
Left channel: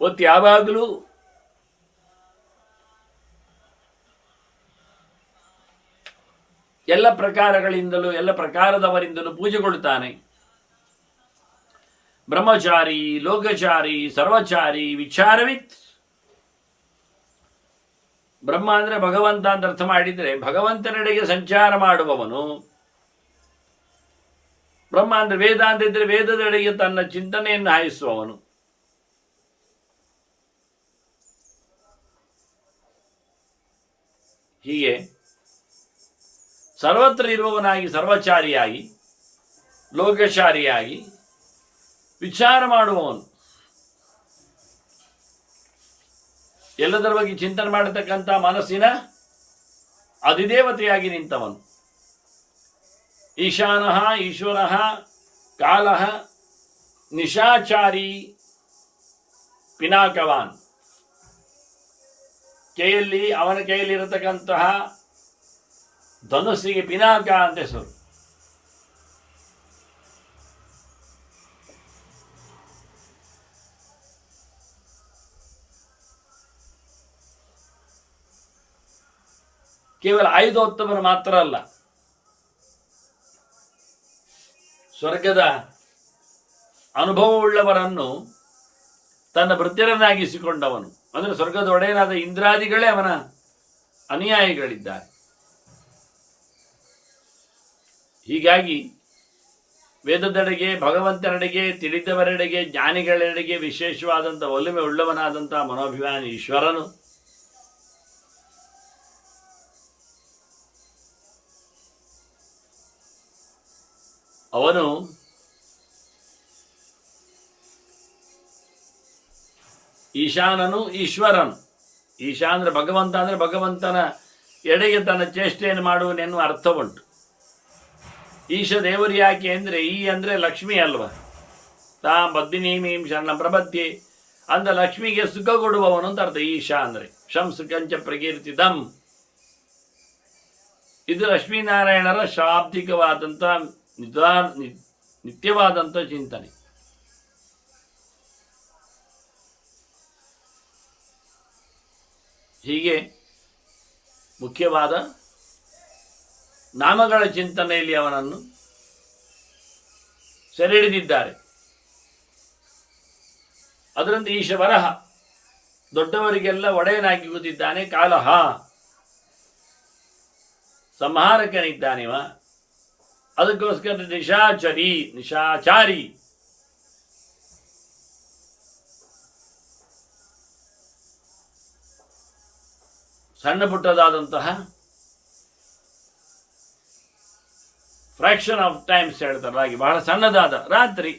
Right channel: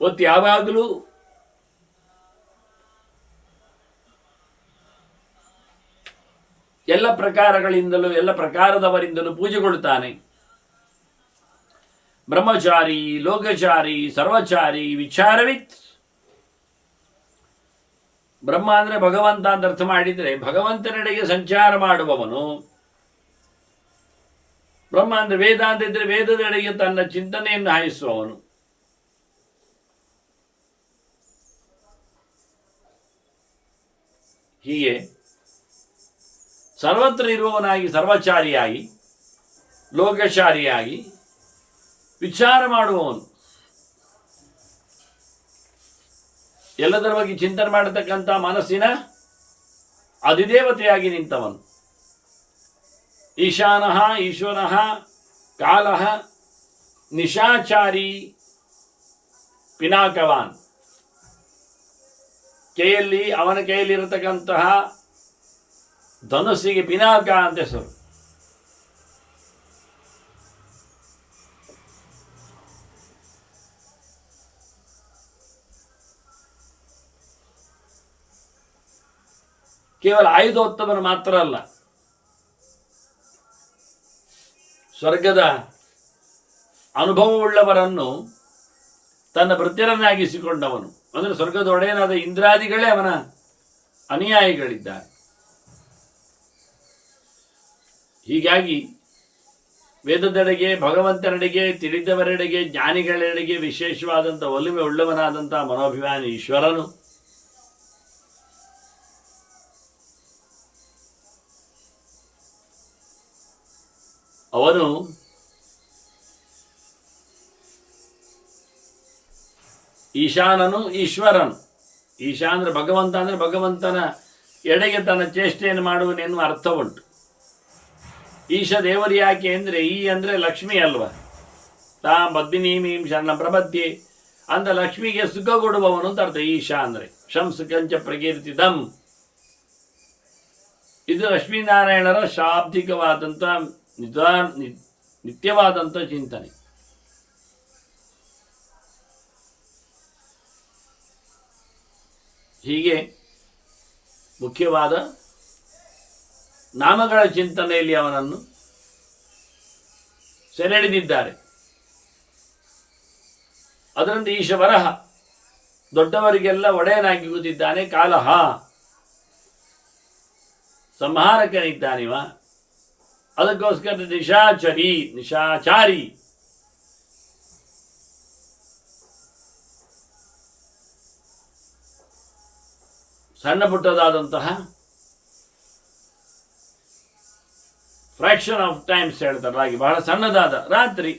ಒತ್ತು ಯಾವಾಗಲೂ ಎಲ್ಲ ಪ್ರಕಾರಗಳಿಂದಲೂ ಎಲ್ಲ ಪ್ರಕಾರದವರಿಂದಲೂ ಪೂಜೆಗೊಳ್ತಾನೆ. ಬ್ರಹ್ಮಚಾರಿ, ಲೋಕಚಾರಿ, ಸರ್ವಚಾರಿ, ವಿಚಾರವಿತ್. ಬ್ರಹ್ಮ ಅಂದರೆ ಭಗವಂತ ಅಂತ ಅರ್ಥ ಮಾಡಿದರೆ ಭಗವಂತನೆಡೆಗೆ ಸಂಚಾರ ಮಾಡುವವನು. ಬ್ರಹ್ಮ ಅಂದರೆ ವೇದ ಅಂತ ಇದ್ರೆ ವೇದದೆಡೆಗೆ ತನ್ನ ಚಿಂತನೆಯನ್ನು ಹಾಯಿಸುವವನು. ಹೀಗೆ ಸರ್ವತ್ರ ಇರುವವನಾಗಿ ಸರ್ವಚಾರಿಯಾಗಿ, ಲೋಕಚಾರಿಯಾಗಿ ವಿಚಾರ ಮಾಡುವವನು, ಎಲ್ಲದರ ಬಗ್ಗೆ ಚಿಂತನೆ ಮಾಡತಕ್ಕಂಥ ಮನಸ್ಸಿನ ಅಧಿದೇವತೆಯಾಗಿ ನಿಂತವನು. ಈಶಾನಃ ಈಶ್ವರಃ ಕಾಲಃ ನಿಶಾಚಾರಿ ಪಿನಾಕವಾನ್. ಅವನ ಕೈಯಲ್ಲಿರತಕ್ಕಂತಹ ಧನುಸ್ಸಿಗೆ ಪಿನಾಕ ಅಂತ ಹೆಸರು. ಕೇವಲ ಆಯುಧೋತ್ತಮನ ಮಾತ್ರ ಅಲ್ಲ, ಸ್ವರ್ಗದ ಅನುಭವವುಳ್ಳವರನ್ನು ತನ್ನ ಭೃತ್ಯರನ್ನಾಗಿಸಿಕೊಂಡವನು. ಅಂದರೆ ಸ್ವರ್ಗದ ಒಡೆಯನಾದ ಇಂದ್ರಾದಿಗಳೇ ಅವನ ಅನುಯಾಯಿಗಳಿದ್ದಾರೆ. ಹೀಗಾಗಿ ವೇದದೆಡೆಗೆ, ಭಗವಂತನೆಡೆಗೆ, ತಿಳಿದವರೆಡೆಗೆ, ಜ್ಞಾನಿಗಳೆಡೆಗೆ ವಿಶೇಷವಾದಂಥ ಒಲುಮೆ ಉಳ್ಳವನಾದಂಥ ಮನೋಭಿಮಾನಿ ಈಶ್ವರನು ಅವನು ಈಶಾನನು, ಈಶ್ವರನು. ಈಶಾ ಅಂದರೆ ಭಗವಂತ, ಅಂದರೆ ಭಗವಂತನ ಎಡೆಗೆ ತನ್ನ ಚೇಷ್ಟೆಯನ್ನು ಮಾಡುವನೆನ್ನುವ ಅರ್ಥ ಉಂಟು. ಈಶ ದೇವರು ಯಾಕೆ ಅಂದರೆ ಈ ಅಂದರೆ ಲಕ್ಷ್ಮಿ ಅಲ್ವ. ತಾಂ ಬದ್ದಿನೀಮೀಂ ಶರಣ ಪ್ರಬದ್ಧಿ ಅಂತ ಲಕ್ಷ್ಮಿಗೆ ಸುಖ ಕೊಡುವವನು ಅಂತ ಅರ್ಥ. ಈಶಾ ಅಂದರೆ ಶಂ ಸುಖಂಚ ಪ್ರಕೀರ್ತಿತಂ. ಇದು ಲಕ್ಷ್ಮೀನಾರಾಯಣರ ಶಾಬ್ದಿಕವಾದಂಥ ನಿತ್ಯವಾದಂಥ ಚಿಂತನೆ. ಹೀಗೆ ಮುಖ್ಯವಾದ ನಾಮಗಳ ಚಿಂತನೆಯಲ್ಲಿ ಅವನನ್ನು ಸೆರೆಹಿಡಿದಿದ್ದಾರೆ. ಅದರಿಂದ ಈಶವರಹ, ದೊಡ್ಡವರಿಗೆಲ್ಲ ಒಡೆಯನಾಗಿ ಕೂತಿದ್ದಾನೆ. ಕಾಲಹ, ಸಂಹಾರಕನಿದ್ದಾನಿವ. ಅದಕ್ಕೋಸ್ಕರ ನಿಶಾಚಾರಿ ಸಣ್ಣ ಪುಟ್ಟದಾದಂತಹ ಫ್ರಾಕ್ಷನ್ ಆಫ್ ಟೈಮ್ಸ್ ಹೇಳ್ತಾರೆ ಹಾಗೆ, ಬಹಳ ಸಣ್ಣದಾದ ರಾತ್ರಿ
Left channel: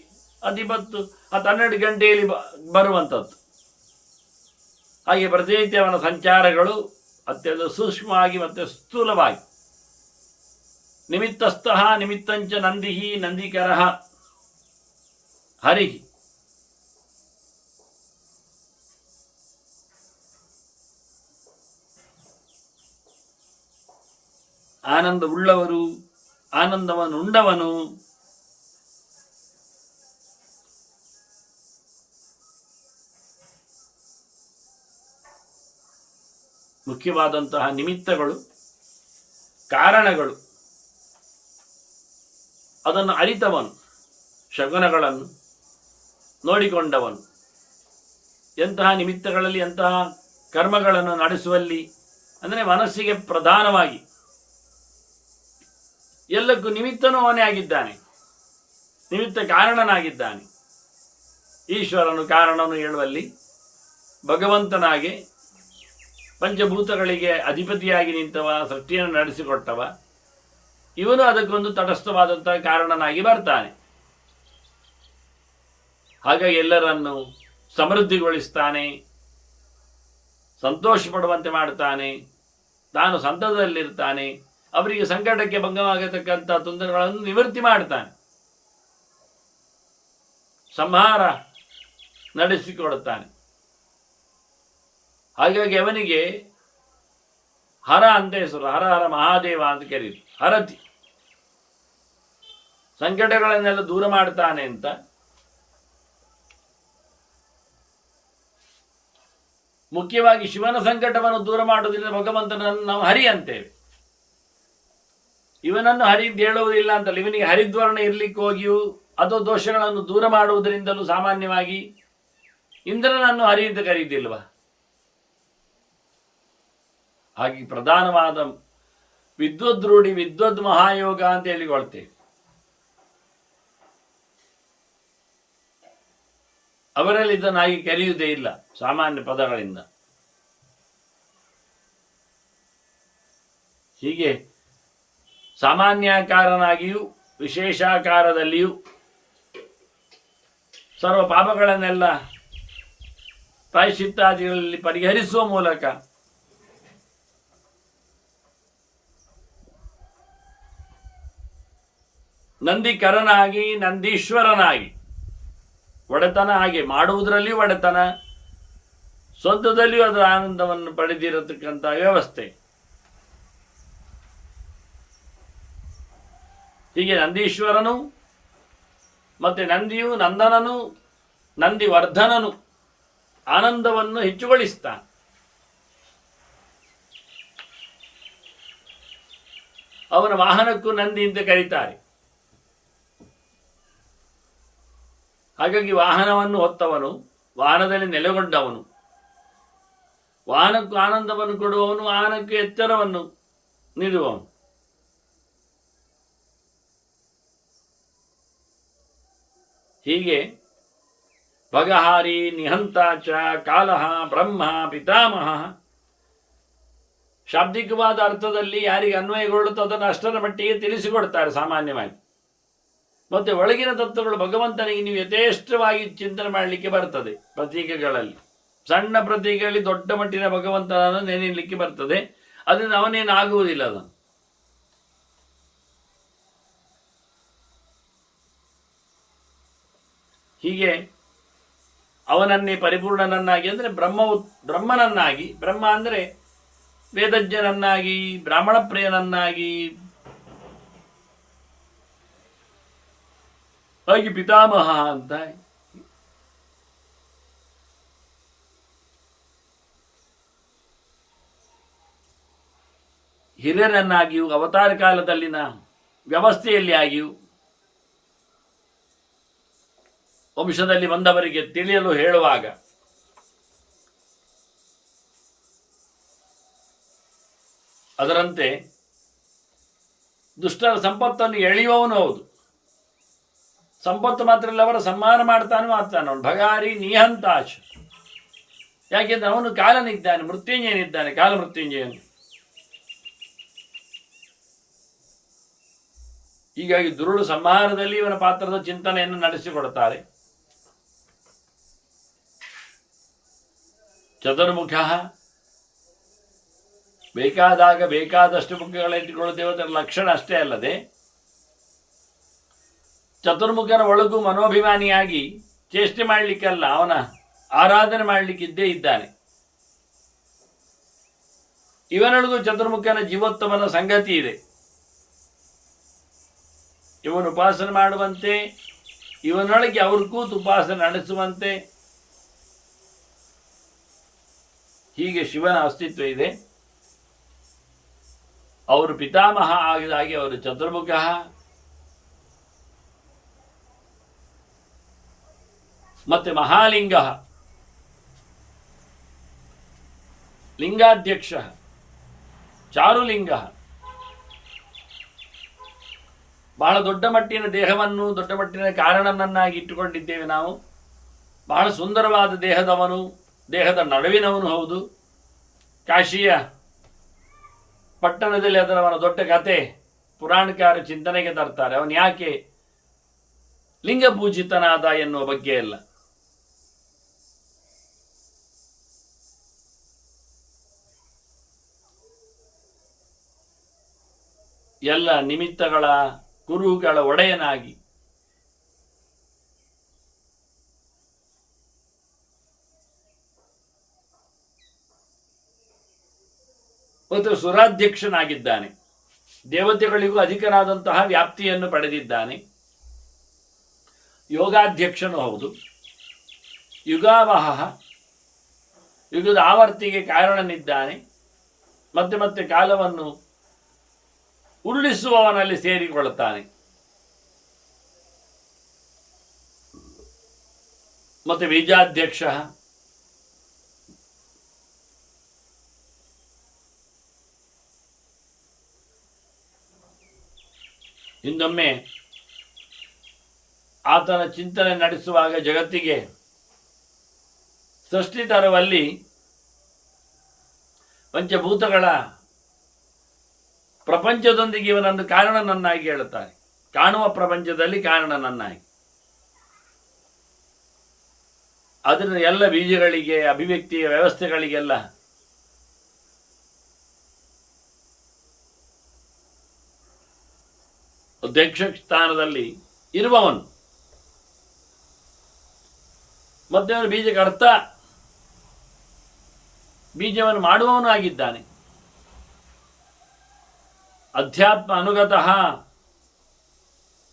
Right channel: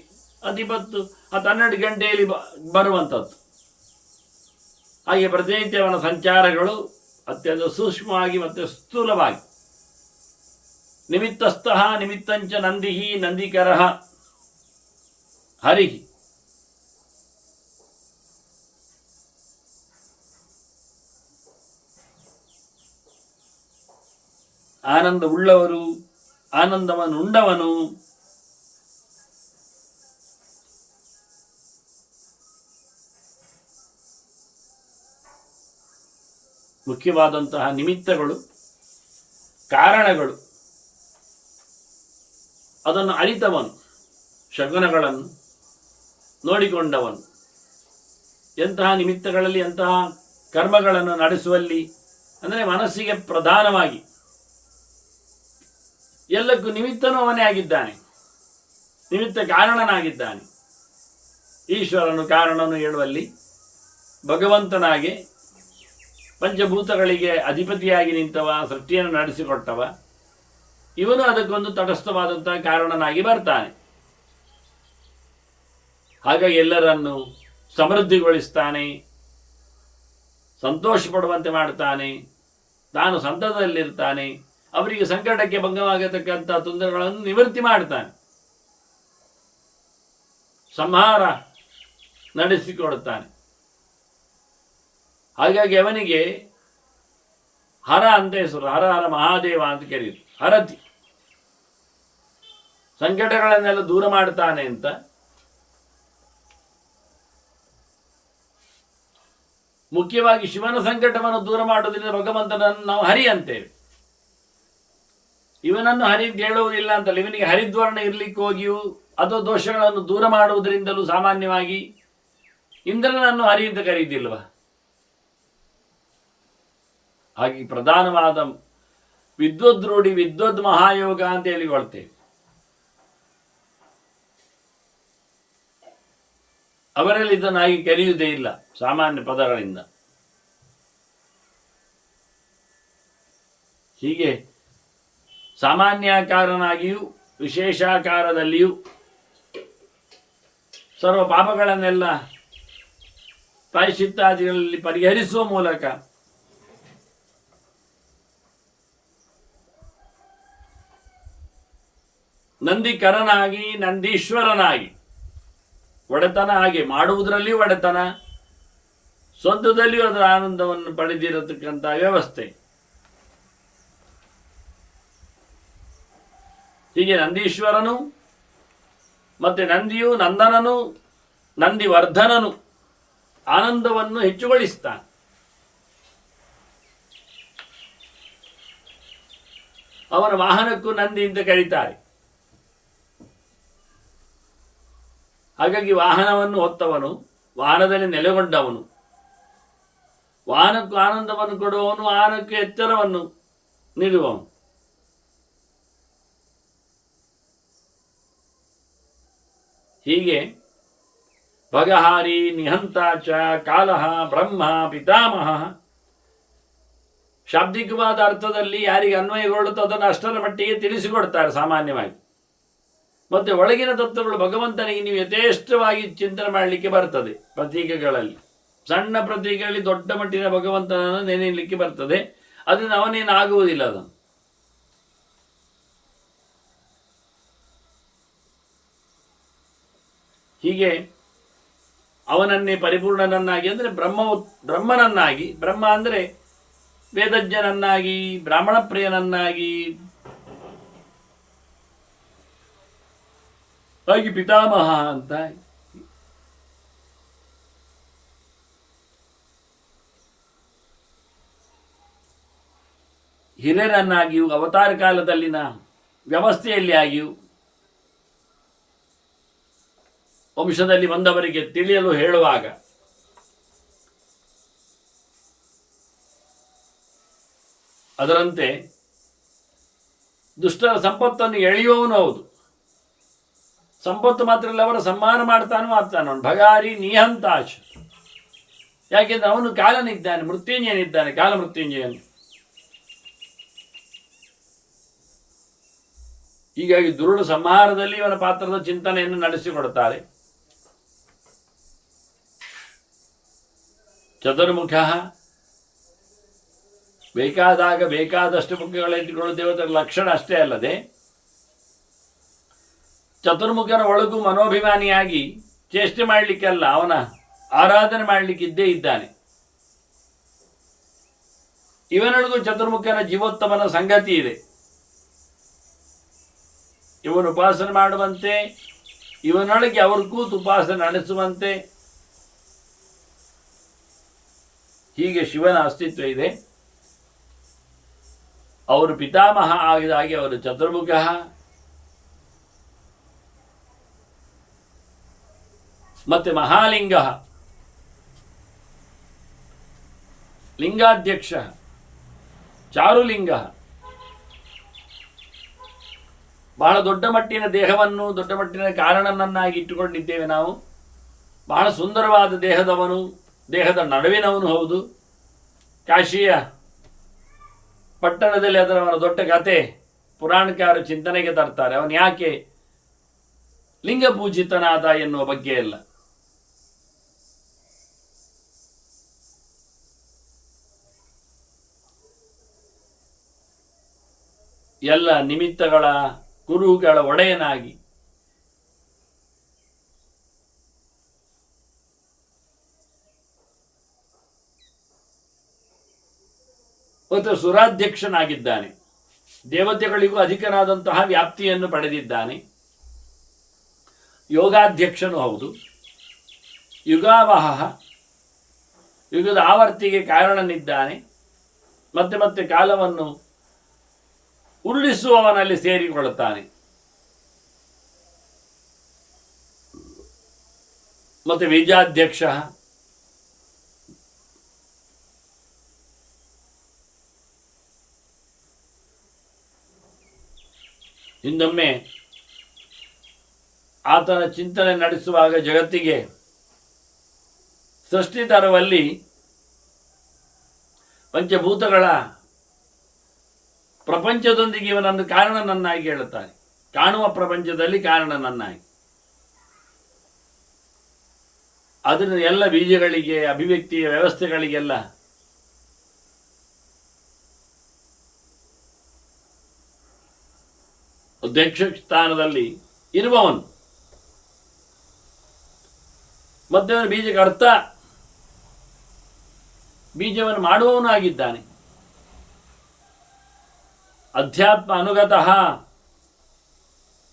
10-12 ಗಂಟೆಯಲ್ಲಿ ಬರುವಂಥದ್ದು. ಹಾಗೆ ಪ್ರತಿನಿತ್ಯ ಅವನ ಸಂಚಾರಗಳು ಅತ್ಯಂತ ಸೂಕ್ಷ್ಮವಾಗಿ ಮತ್ತು ಸ್ಥೂಲವಾಗಿ. ನಿಮಿತ್ತಸ್ಥಃ ನಿಮಿತ್ತಂಚ ನಂದಿಃ ನಂದಿಕರಃ ಹರಿಃ. ಆನಂದ ಉಳ್ಳವರು, ಆನಂದವನ್ನು ಉಂಡವನು. ಮುಖ್ಯವಾದಂತಹ ನಿಮಿತ್ತಗಳು, ಕಾರಣಗಳು, ಅದನ್ನು ಅರಿತವನು, ಶಗುನಗಳನ್ನು ನೋಡಿಕೊಂಡವನು. ಎಂತಹ ನಿಮಿತ್ತಗಳಲ್ಲಿ, ಎಂತಹ ಕರ್ಮಗಳನ್ನು ನಡೆಸುವಲ್ಲಿ ಅಂದರೆ ಮನಸ್ಸಿಗೆ ಪ್ರಧಾನವಾಗಿ ಎಲ್ಲಕ್ಕೂ ನಿಮಿತ್ತನೂ ಅವನೇ ಆಗಿದ್ದಾನೆ, ನಿಮಿತ್ತ ಕಾರಣನಾಗಿದ್ದಾನೆ. ಈಶ್ವರನು ಕಾರಣನು ಹೇಳುವಲ್ಲಿ ಭಗವಂತನಾಗೆ ಪಂಚಭೂತಗಳಿಗೆ ಅಧಿಪತಿಯಾಗಿ ನಿಂತವ, ಸೃಷ್ಟಿಯನ್ನು ನಡೆಸಿಕೊಟ್ಟವ. ಇವನು ಅದಕ್ಕೊಂದು ತಟಸ್ಥವಾದಂಥ ಕಾರಣನಾಗಿ ಬರ್ತಾನೆ. ಹಾಗಾಗಿ ಎಲ್ಲರನ್ನು ಸಮೃದ್ಧಿಗೊಳಿಸ್ತಾನೆ, ಸಂತೋಷ ಪಡುವಂತೆ ಮಾಡ್ತಾನೆ, ತಾನು ಸಂತದಲ್ಲಿರ್ತಾನೆ, ಅವರಿಗೆ ಸಂಕಟಕ್ಕೆ ಭಂಗವಾಗತಕ್ಕಂಥ ತೊಂದರೆಗಳನ್ನು ನಿವೃತ್ತಿ ಮಾಡ್ತಾನೆ, ಸಂಹಾರ ನಡೆಸಿಕೊಡುತ್ತಾನೆ. ಹಾಗಾಗಿ ಅವನಿಗೆ ಹರ ಅಂತ ಹೆಸರು. ಹರ ಹರ ಮಹಾದೇವ ಅಂತ ಕರೀತು. ಹರತಿ, ಸಂಕಟಗಳನ್ನೆಲ್ಲ ದೂರ ಮಾಡ್ತಾನೆ ಅಂತ. ಮುಖ್ಯವಾಗಿ ಶಿವನ ಸಂಕಟವನ್ನು ದೂರ ಮಾಡುವುದರಿಂದ ಭಗವಂತನನ್ನು ನಾವು ಹರಿ ಅಂತೇವೆ. ಇವನನ್ನು ಹರಿದ್ ಹೇಳುವುದಿಲ್ಲ ಅಂತಲ್ಲ, ಇವನಿಗೆ ಹರಿದ್ವರ್ಣ ಇರಲಿಕ್ಕೆ ಹೋಗಿಯೂ ಅದು ದೋಷಗಳನ್ನು ದೂರ ಮಾಡುವುದರಿಂದಲೂ ಸಾಮಾನ್ಯವಾಗಿ ಇಂದ್ರನನ್ನು ಹರಿ ಅಂತ ಕರೀತಿಲ್ವ? ಹಾಗೆ ಪ್ರಧಾನವಾದ ವಿದ್ವದ್ರೂಢಿ ವಿದ್ವದ್ ಮಹಾಯೋಗ ಅಂತ ಹೇಳಿಕೊಳ್ತೇವೆ. ಅವರಲ್ಲಿ ಇದನ್ನು ಹಾಗೆ ಕರೆಯುವುದೇ ಇಲ್ಲ ಸಾಮಾನ್ಯ ಪದಗಳಿಂದ. ಹೀಗೆ ಸಾಮಾನ್ಯಾಕಾರನಾಗಿಯೂ ವಿಶೇಷಾಕಾರದಲ್ಲಿಯೂ ಸರ್ವ ಪಾಪಗಳನ್ನೆಲ್ಲ ಪ್ರಾಯಶ್ಚಿತ್ತಾದಿಗಳಲ್ಲಿ ಪರಿಹರಿಸುವ ಮೂಲಕ ನಂದಿಕರನಾಗಿ ನಂದೀಶ್ವರನಾಗಿ ಒಡೆತನ, ಹಾಗೆ ಮಾಡುವುದರಲ್ಲಿಯೂ ಒಡೆತನ, ಸ್ವಂತದಲ್ಲಿಯೂ ಅದರ ಆನಂದವನ್ನು ಪಡೆದಿರತಕ್ಕಂಥ ವ್ಯವಸ್ಥೆ. ಹೀಗೆ ನಂದೀಶ್ವರನು ಮತ್ತೆ ನಂದಿಯು, ನಂದನನು, ನಂದಿವರ್ಧನನು ಆನಂದವನ್ನು ಹೆಚ್ಚುಗೊಳಿಸ್ತಾನೆ. ಅವನ ವಾಹನಕ್ಕೂ ನಂದಿ ಅಂತ ಕರೀತಾರೆ. ಹಾಗಾಗಿ ವಾಹನವನ್ನು ಹೊತ್ತವನು, ವಾಹನದಲ್ಲಿ ನೆಲೆಗೊಂಡವನು, ವಾಹನಕ್ಕೂ ಆನಂದವನ್ನು ಕೊಡುವವನು, ವಾಹನಕ್ಕೆ ಎಚ್ಚರವನ್ನು ನೀಡುವವನು. ಹೀಗೆ ಭಗಹಾರಿ ನಿಹಂತಾಚ ಕಾಲಹ ಬ್ರಹ್ಮ ಪಿತಾಮಹ ಶಾಬ್ದಿಕವಾದ ಅರ್ಥದಲ್ಲಿ ಯಾರಿಗೆ ಅನ್ವಯಗೊಳ್ಳುತ್ತೋ ಅದನ್ನು ಅಷ್ಟರ ಮಟ್ಟಿಗೆ ತಿಳಿಸಿಕೊಡ್ತಾರೆ ಸಾಮಾನ್ಯವಾಗಿ. ಮತ್ತು ಒಳಗಿನ ತತ್ವಗಳು ಭಗವಂತನಿಗೆ ನೀವು ಯಥೇಷ್ಟವಾಗಿ ಚಿಂತನೆ ಮಾಡಲಿಕ್ಕೆ ಬರ್ತದೆ. ಪ್ರತೀಕಗಳಲ್ಲಿ ಸಣ್ಣ ಪ್ರತೀಕಗಳಲ್ಲಿ ದೊಡ್ಡ ಮಟ್ಟಿನ ಭಗವಂತನನ್ನು ನೆನೆಯಲಿಕ್ಕೆ ಬರ್ತದೆ. ಅದನ್ನು ಅವನೇನು ಆಗುವುದಿಲ್ಲ. ಅದನ್ನು ಹೀಗೆ ಅವನನ್ನೇ ಪರಿಪೂರ್ಣನನ್ನಾಗಿ ಅಂದರೆ ಬ್ರಹ್ಮನನ್ನಾಗಿ, ಬ್ರಹ್ಮ ಅಂದರೆ ವೇದಜ್ಞನನ್ನಾಗಿ, ಬ್ರಾಹ್ಮಣ ಪ್ರಿಯನನ್ನಾಗಿ, ಹಾಗೆ ಪಿತಾಮಹ ಅಂತ ಹಿರಿಯರನ್ನಾಗಿಯೂ ಅವತಾರ ಕಾಲದಲ್ಲಿನ ವ್ಯವಸ್ಥೆಯಲ್ಲಿ ಆಗಿಯೂ ವಂಶದಲ್ಲಿ ಬಂದವರಿಗೆ ತಿಳಿಯಲು ಹೇಳುವಾಗ ಅದರಂತೆ ದುಷ್ಟರ ಸಂಪತ್ತನ್ನು ಎಳೆಯುವವನು ಹೌದು. ಸಂಪತ್ತು ಮಾತ್ರ ಇಲ್ಲ, ಅವರ ಸಂಹಾರ ಮಾಡ್ತಾನೂ ಆಗ್ತಾನೆ ಅವನು. ಭಗಾರಿ ನಿಹಂತಾಶ. ಯಾಕೆಂದ್ರೆ ಅವನು ಕಾಲನಿದ್ದಾನೆ, ಮೃತ್ಯುಂಜಯನಿದ್ದಾನೆ, ಕಾಲ ಮೃತ್ಯುಂಜಯನು. ಹೀಗಾಗಿ ದುರುಳು ಸಂಹಾರದಲ್ಲಿ ಇವನ ಪಾತ್ರದ ಚಿಂತನೆಯನ್ನು ನಡೆಸಿಕೊಡುತ್ತಾರೆ. ಚತುರ್ಮುಖ, ಬೇಕಾದಾಗ ಬೇಕಾದಷ್ಟು ಮುಖಗಳಿಟ್ಟುಕೊಳ್ಳುತ್ತೇವೆ, ಅದರ ಲಕ್ಷಣ ಅಷ್ಟೇ ಅಲ್ಲದೆ ಚತುರ್ಮುಖನ ಒಳಗೂ ಮನೋಭಿಮಾನಿಯಾಗಿ ಚೇಷ್ಟೆ ಮಾಡಲಿಕ್ಕೆಲ್ಲ ಅವನ ಆರಾಧನೆ ಮಾಡಲಿಕ್ಕಿದ್ದೇ ಇದ್ದಾನೆ. ಇವನೊಳಗೂ ಚತುರ್ಮುಖನ ಜೀವೋತ್ತಮನ ಸಂಗತಿ ಇದೆ. ಇವನು ಉಪಾಸನೆ ಮಾಡುವಂತೆ, ಇವನೊಳಗೆ ಅವರು ಕೂತು ಉಪಾಸನೆ ನಡೆಸುವಂತೆ, ಹೀಗೆ ಶಿವನ ಅಸ್ತಿತ್ವ ಇದೆ. ಅವರು ಪಿತಾಮಹ ಆಗಿದ ಹಾಗೆ ಅವರು ಚತುರ್ಮುಖ. ಮತ್ತೆ ಮಹಾಲಿಂಗ, ಲಿಂಗಾಧ್ಯಕ್ಷ, ಚಾರುಲಿಂಗ, ಬಹಳ ದೊಡ್ಡ ಮಟ್ಟಿನ ದೇಹವನ್ನು ದೊಡ್ಡ ಮಟ್ಟಿನ ಕಾರಣನನ್ನಾಗಿ ಇಟ್ಟುಕೊಂಡಿದ್ದೇವೆ ನಾವು. ಬಹಳ ಸುಂದರವಾದ ದೇಹದವನು, ದೇಹದ ನಡುವಿನವನು ಹೌದು. ಕಾಶಿಯ ಪಟ್ಟಣದಲ್ಲಿ ಅದರ ದೊಡ್ಡ ಕತೆ ಪುರಾಣಕಾರರು ಚಿಂತನೆಗೆ ತರ್ತಾರೆ. ಅವನು ಯಾಕೆ ಲಿಂಗ ಪೂಜಿತನಾದ ಎನ್ನುವ ಬಗ್ಗೆ ಎಲ್ಲ. ಎಲ್ಲ ನಿಮಿತ್ತಗಳ ಕುರುಹುಗಳ ಒಡೆಯನಾಗಿ ಮತ್ತು ಸುರಾಧ್ಯಕ್ಷನಾಗಿದ್ದಾನೆ. ದೇವತೆಗಳಿಗೂ ಅಧಿಕನಾದಂತಹ ವ್ಯಾಪ್ತಿಯನ್ನು ಪಡೆದಿದ್ದಾನೆ. ಯೋಗಾಧ್ಯಕ್ಷನೂ ಹೌದು. ಯುಗಾವಹ, ಯುಗದ ಆವರ್ತಿಗೆ ಕಾರಣನಿದ್ದಾನೆ. ಮತ್ತೆ ಮತ್ತೆ ಕಾಲವನ್ನು ಉರುಳಿಸುವವನಲ್ಲಿ ಸೇರಿಕೊಳ್ಳುತ್ತಾನೆ. ಮತ್ತು ಬೀಜಾಧ್ಯಕ್ಷ, ಇನ್ನೊಮ್ಮೆ ಆತನ ಚಿಂತನೆ ನಡೆಸುವಾಗ ಜಗತ್ತಿಗೆ ಸೃಷ್ಟಿ ತರುವಲ್ಲಿ ಪಂಚಭೂತಗಳ ಪ್ರಪಂಚದೊಂದಿಗೆ ಇವನನ್ನು ಕಾರಣನನ್ನಾಗಿ ಹೇಳುತ್ತಾನೆ. ಕಾಣುವ ಪ್ರಪಂಚದಲ್ಲಿ ಕಾರಣನನ್ನಾಗಿ. ಅದನ್ನು ಎಲ್ಲ ಬೀಜಗಳಿಗೆ, ಅಭಿವ್ಯಕ್ತಿಯ ವ್ಯವಸ್ಥೆಗಳಿಗೆಲ್ಲ ಅಧ್ಯಕ್ಷ ಸ್ಥಾನದಲ್ಲಿ ಇರುವವನು. ಮತ್ತೆ ಅವನು ಬೀಜಕ್ಕೆ ಅರ್ಥ, ಬೀಜವನ್ನು ಮಾಡುವವನು ಆಗಿದ್ದಾನೆ. ಅಧ್ಯಾತ್ಮ ಅನುಗತಃ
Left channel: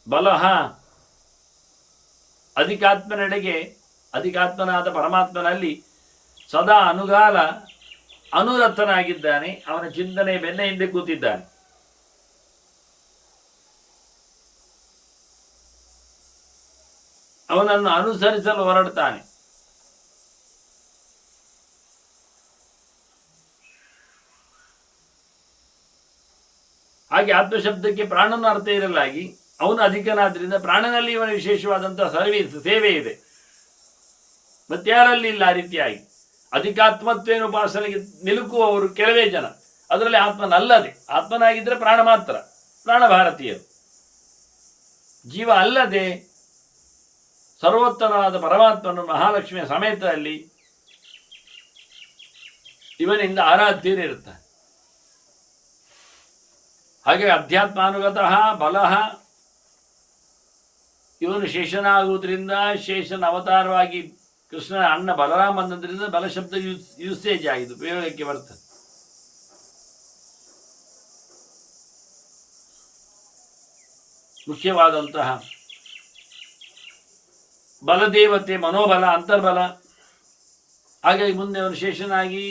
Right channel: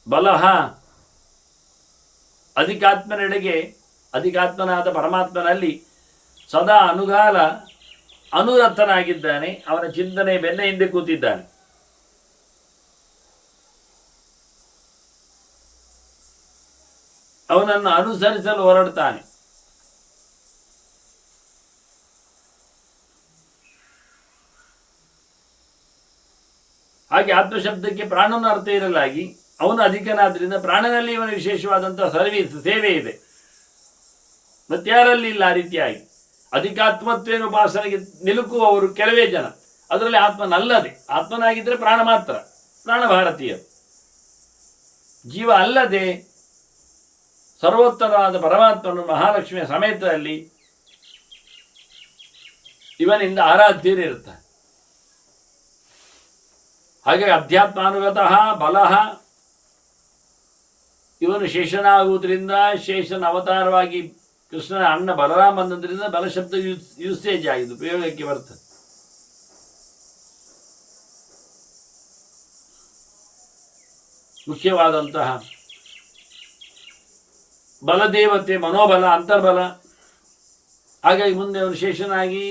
ಬಲಃ, ಅಧಿಕಾತ್ಮನೆಡೆಗೆ ಅಧಿಕಾತ್ಮನಾದ ಪರಮಾತ್ಮನಲ್ಲಿ ಸದಾ ಅನುಗಾಲ ಅನುರತನಾಗಿದ್ದಾನೆ. ಅವನ ಚಿಂತನೆ ಬೆನ್ನ ಹಿಂದೆ ಕೂತಿದ್ದಾನೆ. ಅವನನ್ನು ಅನುಸರಿಸಲು ಹೊರಡ್ತಾನೆ. ಹಾಗೆ ಆತ್ಮಶಬ್ದಕ್ಕೆ ಪ್ರಾಣನ ಅರ್ಥ ಇರಲಾಗಿ ಅವನು ಅಧಿಕನಾದ್ರಿಂದ ಪ್ರಾಣನಲ್ಲಿ ಇವನ ವಿಶೇಷವಾದಂತಹ ಸೇವೆ ಇದೆ. ಮತ್ತಾರಲ್ಲಿ ಇಲ್ಲ. ಆ ರೀತಿಯಾಗಿ ಅಧಿಕಾತ್ಮತ್ವೇನ ಉಪಾಸನೆಗೆ ನಿಲುಕುವವರು ಕೆಲವೇ ಜನ. ಅದರಲ್ಲಿ ಆತ್ಮನಲ್ಲದೆ, ಆತ್ಮನಾಗಿದ್ದರೆ ಪ್ರಾಣ ಮಾತ್ರ, ಪ್ರಾಣ ಭಾರತೀಯರು. ಜೀವ ಅಲ್ಲದೆ ಸರ್ವೋತ್ತರವಾದ ಪರಮಾತ್ಮನು ಮಹಾಲಕ್ಷ್ಮಿಯ ಸಮೇತದಲ್ಲಿ ಇವನಿಂದ ಆರಾಧ್ಯರಿರುತ್ತಾರೆ. ಹಾಗಾಗಿ ಅಧ್ಯಾತ್ಮಾನುಗತಃ ಬಲಃ, ಇವನು ಶೇಷನಾಗುವುದರಿಂದ, ಶೇಷನ ಅವತಾರವಾಗಿ ಕೃಷ್ಣನ ಅಣ್ಣ ಬಲರಾಮ ಅನ್ನೋದ್ರಿಂದ ಬಲಶಬ್ದ ಯೂಸೇಜ್ ಆಗಿದೆ, ಉಪಯೋಗಕ್ಕೆ ಬರ್ತದೆ. ಮುಖ್ಯವಾದಂತಹ ಬಲದೇವತೆ ಮನೋಬಲ, ಅಂತರ್ಬಲ. ಹಾಗಾಗಿ ಮುಂದೆ ಅವನು ಶೇಷನಾಗಿ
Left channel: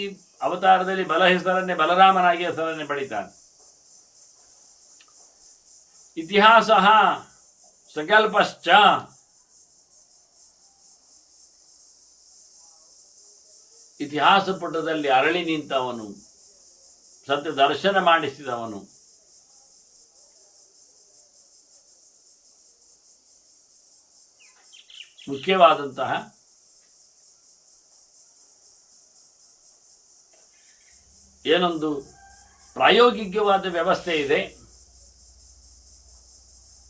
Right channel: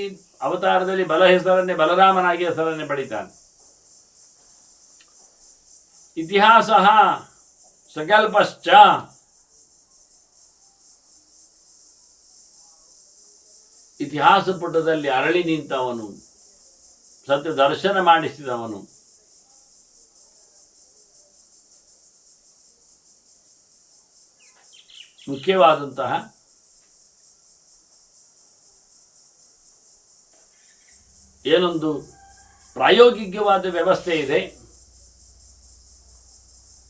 ಅವತಾರದಲ್ಲಿ ಬಲ ಹೆಸರನ್ನೇ ಬಲರಾಮನಾಗಿ ಹೆಸರನ್ನೇ ಪಡಿತಾನೆ. ಇತಿಹಾಸ ಸಕಲ್ಪಶ್ಚ, ಇತಿಹಾಸ ಪುಟದಲ್ಲಿ ಅರಳಿ ನಿಂತವನು, ಸತ್ಯ ದರ್ಶನ ಮಾಡಿಸಿದವನು. ಮುಖ್ಯವಾದಂತಹ ಏನೊಂದು ಪ್ರಾಯೋಗಿಕವಾದ ವ್ಯವಸ್ಥೆ ಇದೆ,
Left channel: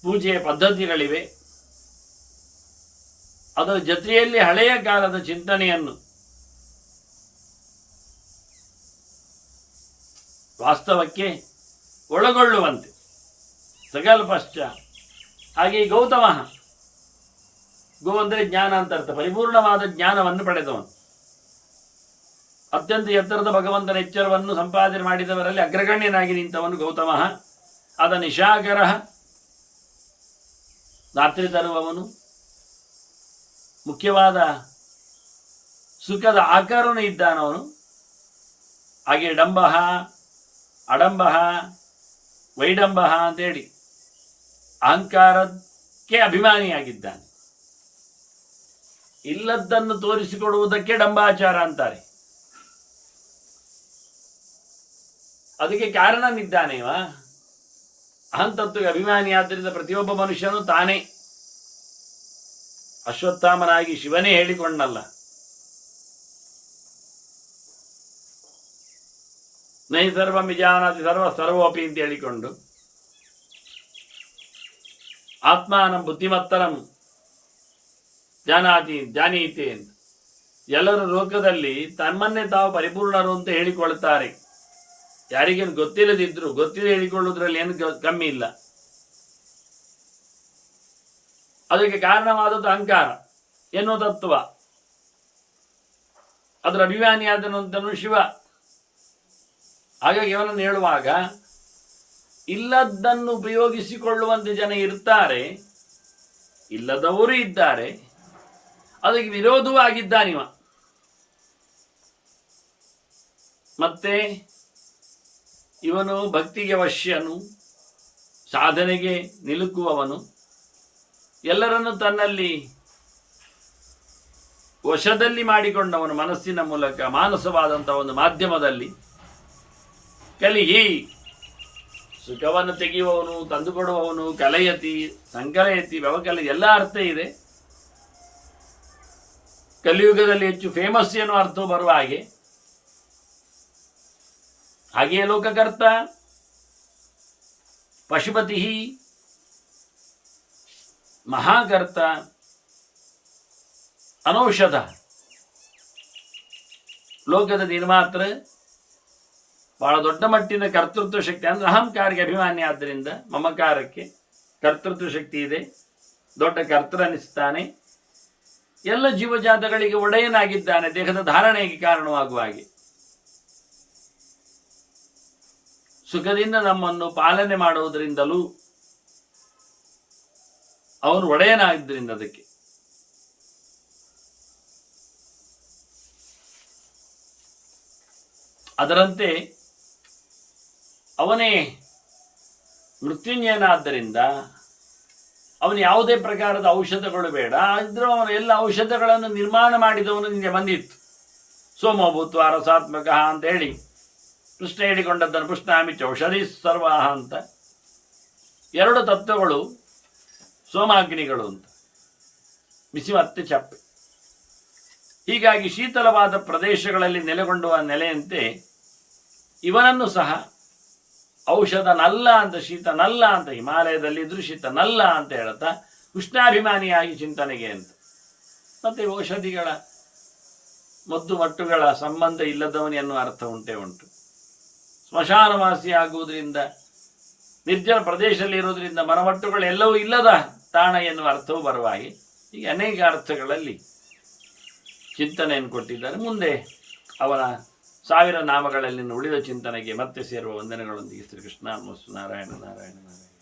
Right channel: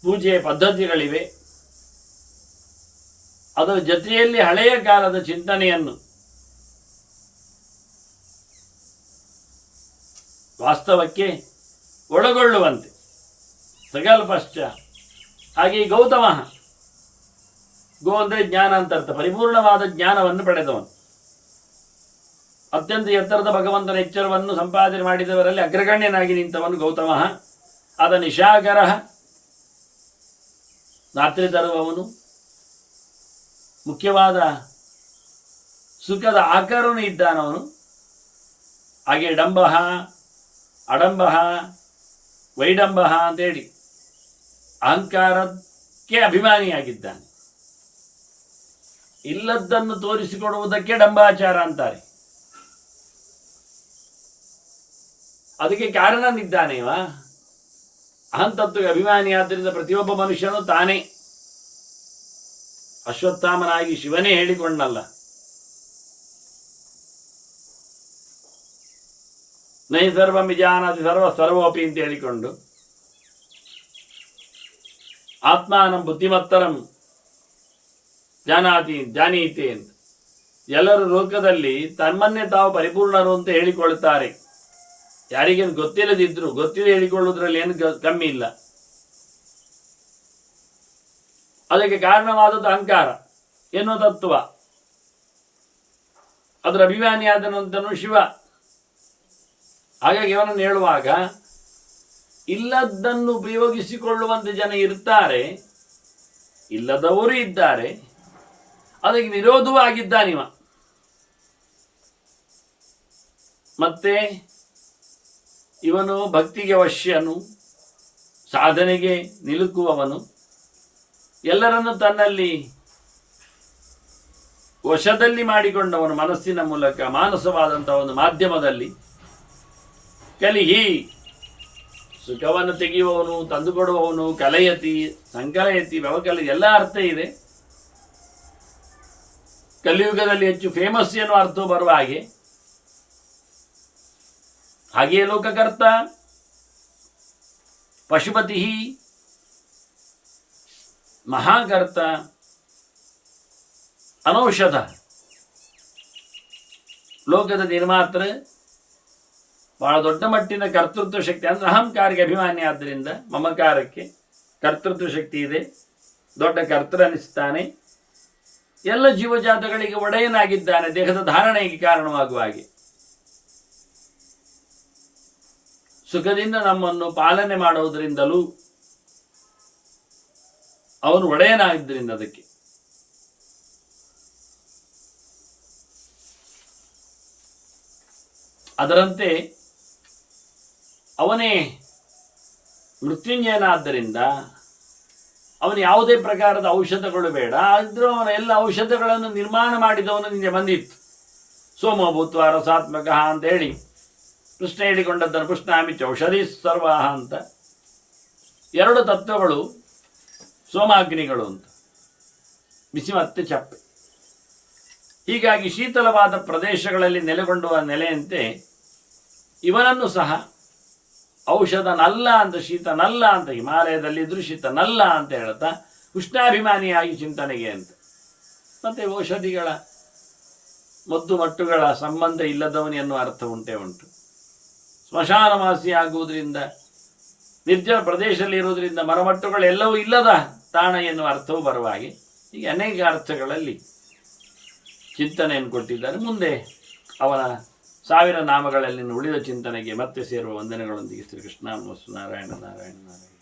ಪೂಜೆಯ ಪದ್ಧತಿಗಳಿವೆ. ಅದರ ಜೊತೆಯಲ್ಲಿ ಹಳೆಯ ಕಾಲದ ಚಿಂತನೆಯನ್ನು ವಾಸ್ತವಕ್ಕೆ ಒಳಗೊಳ್ಳುವಂತೆ ಸಕಲ್ಪಶ್ಚ. ಹಾಗೆ ಗೌತಮ, ಗೋ ಅಂದರೆ ಜ್ಞಾನ ಅಂತ ಅರ್ಥ, ಪರಿಪೂರ್ಣವಾದ ಜ್ಞಾನವನ್ನು ಪಡೆದವನು. ಅತ್ಯಂತ ಎತ್ತರದ ಭಗವಂತನ ಎಚ್ಚರವನ್ನು ಸಂಪಾದನೆ ಮಾಡಿದವರಲ್ಲಿ ಅಗ್ರಗಣ್ಯನಾಗಿ ನಿಂತವನು ಗೌತಮ. ಆದ ನಿಶಾಕರ, ರಾತ್ರಿ ತರುವವನು. ಮುಖ್ಯವಾದ ಸುಖದ ಆಕಾರವೂ ಇದ್ದಾನವನು. ಹಾಗೆ ಡಂಬ, ಅಡಂಬ, ವೈಡಂಬ ಅಂತೇಳಿ ಅಹಂಕಾರಕ್ಕೆ ಅಭಿಮಾನಿಯಾಗಿದ್ದಾನೆ. ಇಲ್ಲದ್ದನ್ನು ತೋರಿಸಿಕೊಡುವುದಕ್ಕೆ ಡಂಬಾಚಾರ ಅಂತಾರೆ. ಅದಕ್ಕೆ ಕಾರಣನಿದ್ದಾನೇವ ಅಹಂತತ್ವಕ್ಕೆ ಅಭಿಮಾನಿ. ಆದ್ದರಿಂದ ಪ್ರತಿಯೊಬ್ಬ ಮನುಷ್ಯನು ತಾನೇ ಅಶ್ವತ್ಥಾಮನಾಗಿ ಶಿವನೇ ಹೇಳಿಕೊಂಡಲ್ಲ, ನೈ ಸರ್ವಂ ವಿಜಾನಾತಿ ಸರ್ವೋಪಿ ಅಂತ ಹೇಳಿಕೊಂಡು ಆತ್ಮಾನಂ ಬುದ್ಧಿಮತ್ತರಂ ಜಾನೀತಿ ಅಂತ ಎಲ್ಲರೂ ಲೋಕದಲ್ಲಿ ತಮ್ಮನ್ನೇ ತಾವು ಪರಿಪೂರ್ಣರು ಅಂತ ಹೇಳಿಕೊಳ್ತಾರೆ. ಯಾರಿಗೇನು ಗೊತ್ತಿಲ್ಲದಿದ್ರು ಗೊತ್ತಿಲ್ಲ ಹೇಳಿಕೊಳ್ಳುವುದರಲ್ಲಿ ಏನು ಕಮ್ಮಿ ಇಲ್ಲ. ಅದಕ್ಕೆ ಕಾರಣವಾದದ್ದು ಅಹಂಕಾರ ಎನ್ನುವ ತತ್ವ. ಅದರ ಅಭಿಮಾನಿಯಾದನಂತನು ಶಿವ. ಹಾಗಾಗಿ ಅವನನ್ನು ಹೇಳುವಾಗ ಇಲ್ಲದ್ದನ್ನು ಉಪಯೋಗಿಸಿಕೊಳ್ಳುವಂತೆ ಜನ ಇರ್ತಾರೆ, ಇಲ್ಲದವರು ಇದ್ದಾರೆ, ಅದಕ್ಕೆ ವಿರೋಧವೂ ಆಗಿದ್ದಾನಿವ. ಮತ್ತೆ ಇವನು ಭಕ್ತಿಗೆ ವಶ್ಯನು, ಸಾಧನೆಗೆ ನಿಲುಕುವವನು, ಎಲ್ಲರನ್ನು ತನ್ನಲ್ಲಿ ವಶದಲ್ಲಿ ಮಾಡಿಕೊಂಡವನು, ಮನಸ್ಸಿನ ಮೂಲಕ ಮಾನಸವಾದಂಥ ಒಂದು ಮಾಧ್ಯಮದಲ್ಲಿ ಕಲಿಹಿ ಸುಖವನ್ನು ತೆಗೆಯುವವನು, ತಂದುಕೊಡುವವನು, ಕಲಯತಿ, ಸಂಕಲಯತಿ, ವ್ಯವಕಲ ಎಲ್ಲ ಅರ್ಥ ಇದೆ. ಕಲಿಯುಗದಲ್ಲಿ ಹೆಚ್ಚು ಫೇಮಸ್ ಎನ್ನುವ ಅರ್ಥವು ಬರುವ ಹಾಗೆಯೇ ಲೋಕಕರ್ತ, ಪಶುಪತಿ, ಮಹಾಕರ್ತ, ಅನೌಷಧ, ಲೋಕದ ನಿರ್ಮಾತೃ, ಬಹಳ ದೊಡ್ಡ ಮಟ್ಟಿನ ಕರ್ತೃತ್ವ ಶಕ್ತಿ. ಅಂದರೆ ಅಹಂಕಾರಕ್ಕೆ ಅಭಿಮಾನಿ, ಆದ್ದರಿಂದ ಮಮಕಾರಕ್ಕೆ ಕರ್ತೃತ್ವ ಶಕ್ತಿ ಇದೆ, ದೊಡ್ಡ ಕರ್ತರನಿಸ್ತಾನೆ, ಎಲ್ಲ ಜೀವಜಾತಗಳಿಗೆ ಒಡೆಯನಾಗಿದ್ದಾನೆ, ದೇಹದ ಧಾರಣೆಗೆ ಕಾರಣವಾಗುವ ಹಾಗೆ ಸುಖದಿಂದ ನಮ್ಮನ್ನು ಪಾಲನೆ ಮಾಡುವುದರಿಂದಲೂ ಅವನು ಒಡೆಯನಾಗಿದ್ದರಿಂದ ಅದಕ್ಕೆ ಅದರಂತೆ ಅವನೇ ಮೃತ್ಯುಂಜಯನಾದ್ದರಿಂದ ಅವನು ಯಾವುದೇ ಪ್ರಕಾರದ ಔಷಧಗಳು ಬೇಡ, ಆದರೂ ಅವನ ಎಲ್ಲ ಔಷಧಗಳನ್ನು ನಿರ್ಮಾಣ ಮಾಡಿದವನು ನಿಮಗೆ ಬಂದಿತ್ತು. ಸೋಮಭೂತ್ವ ರಸಾತ್ಮಕ ಅಂತ ಹೇಳಿ ಕೃಷ್ಣ ಹೇಳಿಕೊಂಡದ್ದನ್ನು ಪುಷ್ಣಾಮಿ ಔಷಧಿ ಸರ್ವಾಹ ಅಂತ ಎರಡು ತತ್ವಗಳು ಸೋಮಾಗ್ನಿಗಳು ಅಂತ, ಬಿಸಿ ಮತ್ತೆ ಚಪ್ಪೆ. ಹೀಗಾಗಿ ಶೀತಲವಾದ ಪ್ರದೇಶಗಳಲ್ಲಿ ನೆಲೆಗೊಂಡುವ ನೆಲೆಯಂತೆ ಇವನನ್ನು ಸಹ ಔಷಧ ನಲ್ಲ ಅಂತ, ಶೀತ ನಲ್ಲ ಅಂತ, ಹಿಮಾಲಯದಲ್ಲಿದ್ದರೂ ಶೀತ ನಲ್ಲ ಅಂತ ಹೇಳ್ತಾ ಉಷ್ಣಾಭಿಮಾನಿಯಾಗಿ ಚಿಂತನೆಗೆ ಅಂತ. ಮತ್ತು ಔಷಧಿಗಳ ಮದ್ದು ಮಟ್ಟುಗಳ ಸಂಬಂಧ ಇಲ್ಲದವನು ಎನ್ನುವ ಅರ್ಥ ಉಂಟೇ ಉಂಟು. ಸ್ಮಶಾನವಾಸಿ ಆಗುವುದರಿಂದ, ನಿರ್ಜನ ಪ್ರದೇಶದಲ್ಲಿ ಇರುವುದರಿಂದ ಮರಮಟ್ಟುಗಳೆಲ್ಲವೂ ಇಲ್ಲದ ತಾಣ ಎನ್ನುವ ಅರ್ಥವೂ ಬರುವ ಹಾಗೆ ಹೀಗೆ ಅನೇಕ ಅರ್ಥಗಳಲ್ಲಿ ಚಿಂತನೆಯನ್ನು ಕೊಟ್ಟಿದ್ದಾರೆ. ಮುಂದೆ ಅವನ 1000 ನಾಮಗಳಲ್ಲಿ ಉಳಿದ ಚಿಂತನೆಗೆ ಮತ್ತೆ ಸೇರುವ ವಂದನೆಗಳೊಂದಿಗೆ ಶ್ರೀಕೃಷ್ಣ ನಾರಾಯಣ ನಾರಾಯಣ ನಾರಾಯಣ.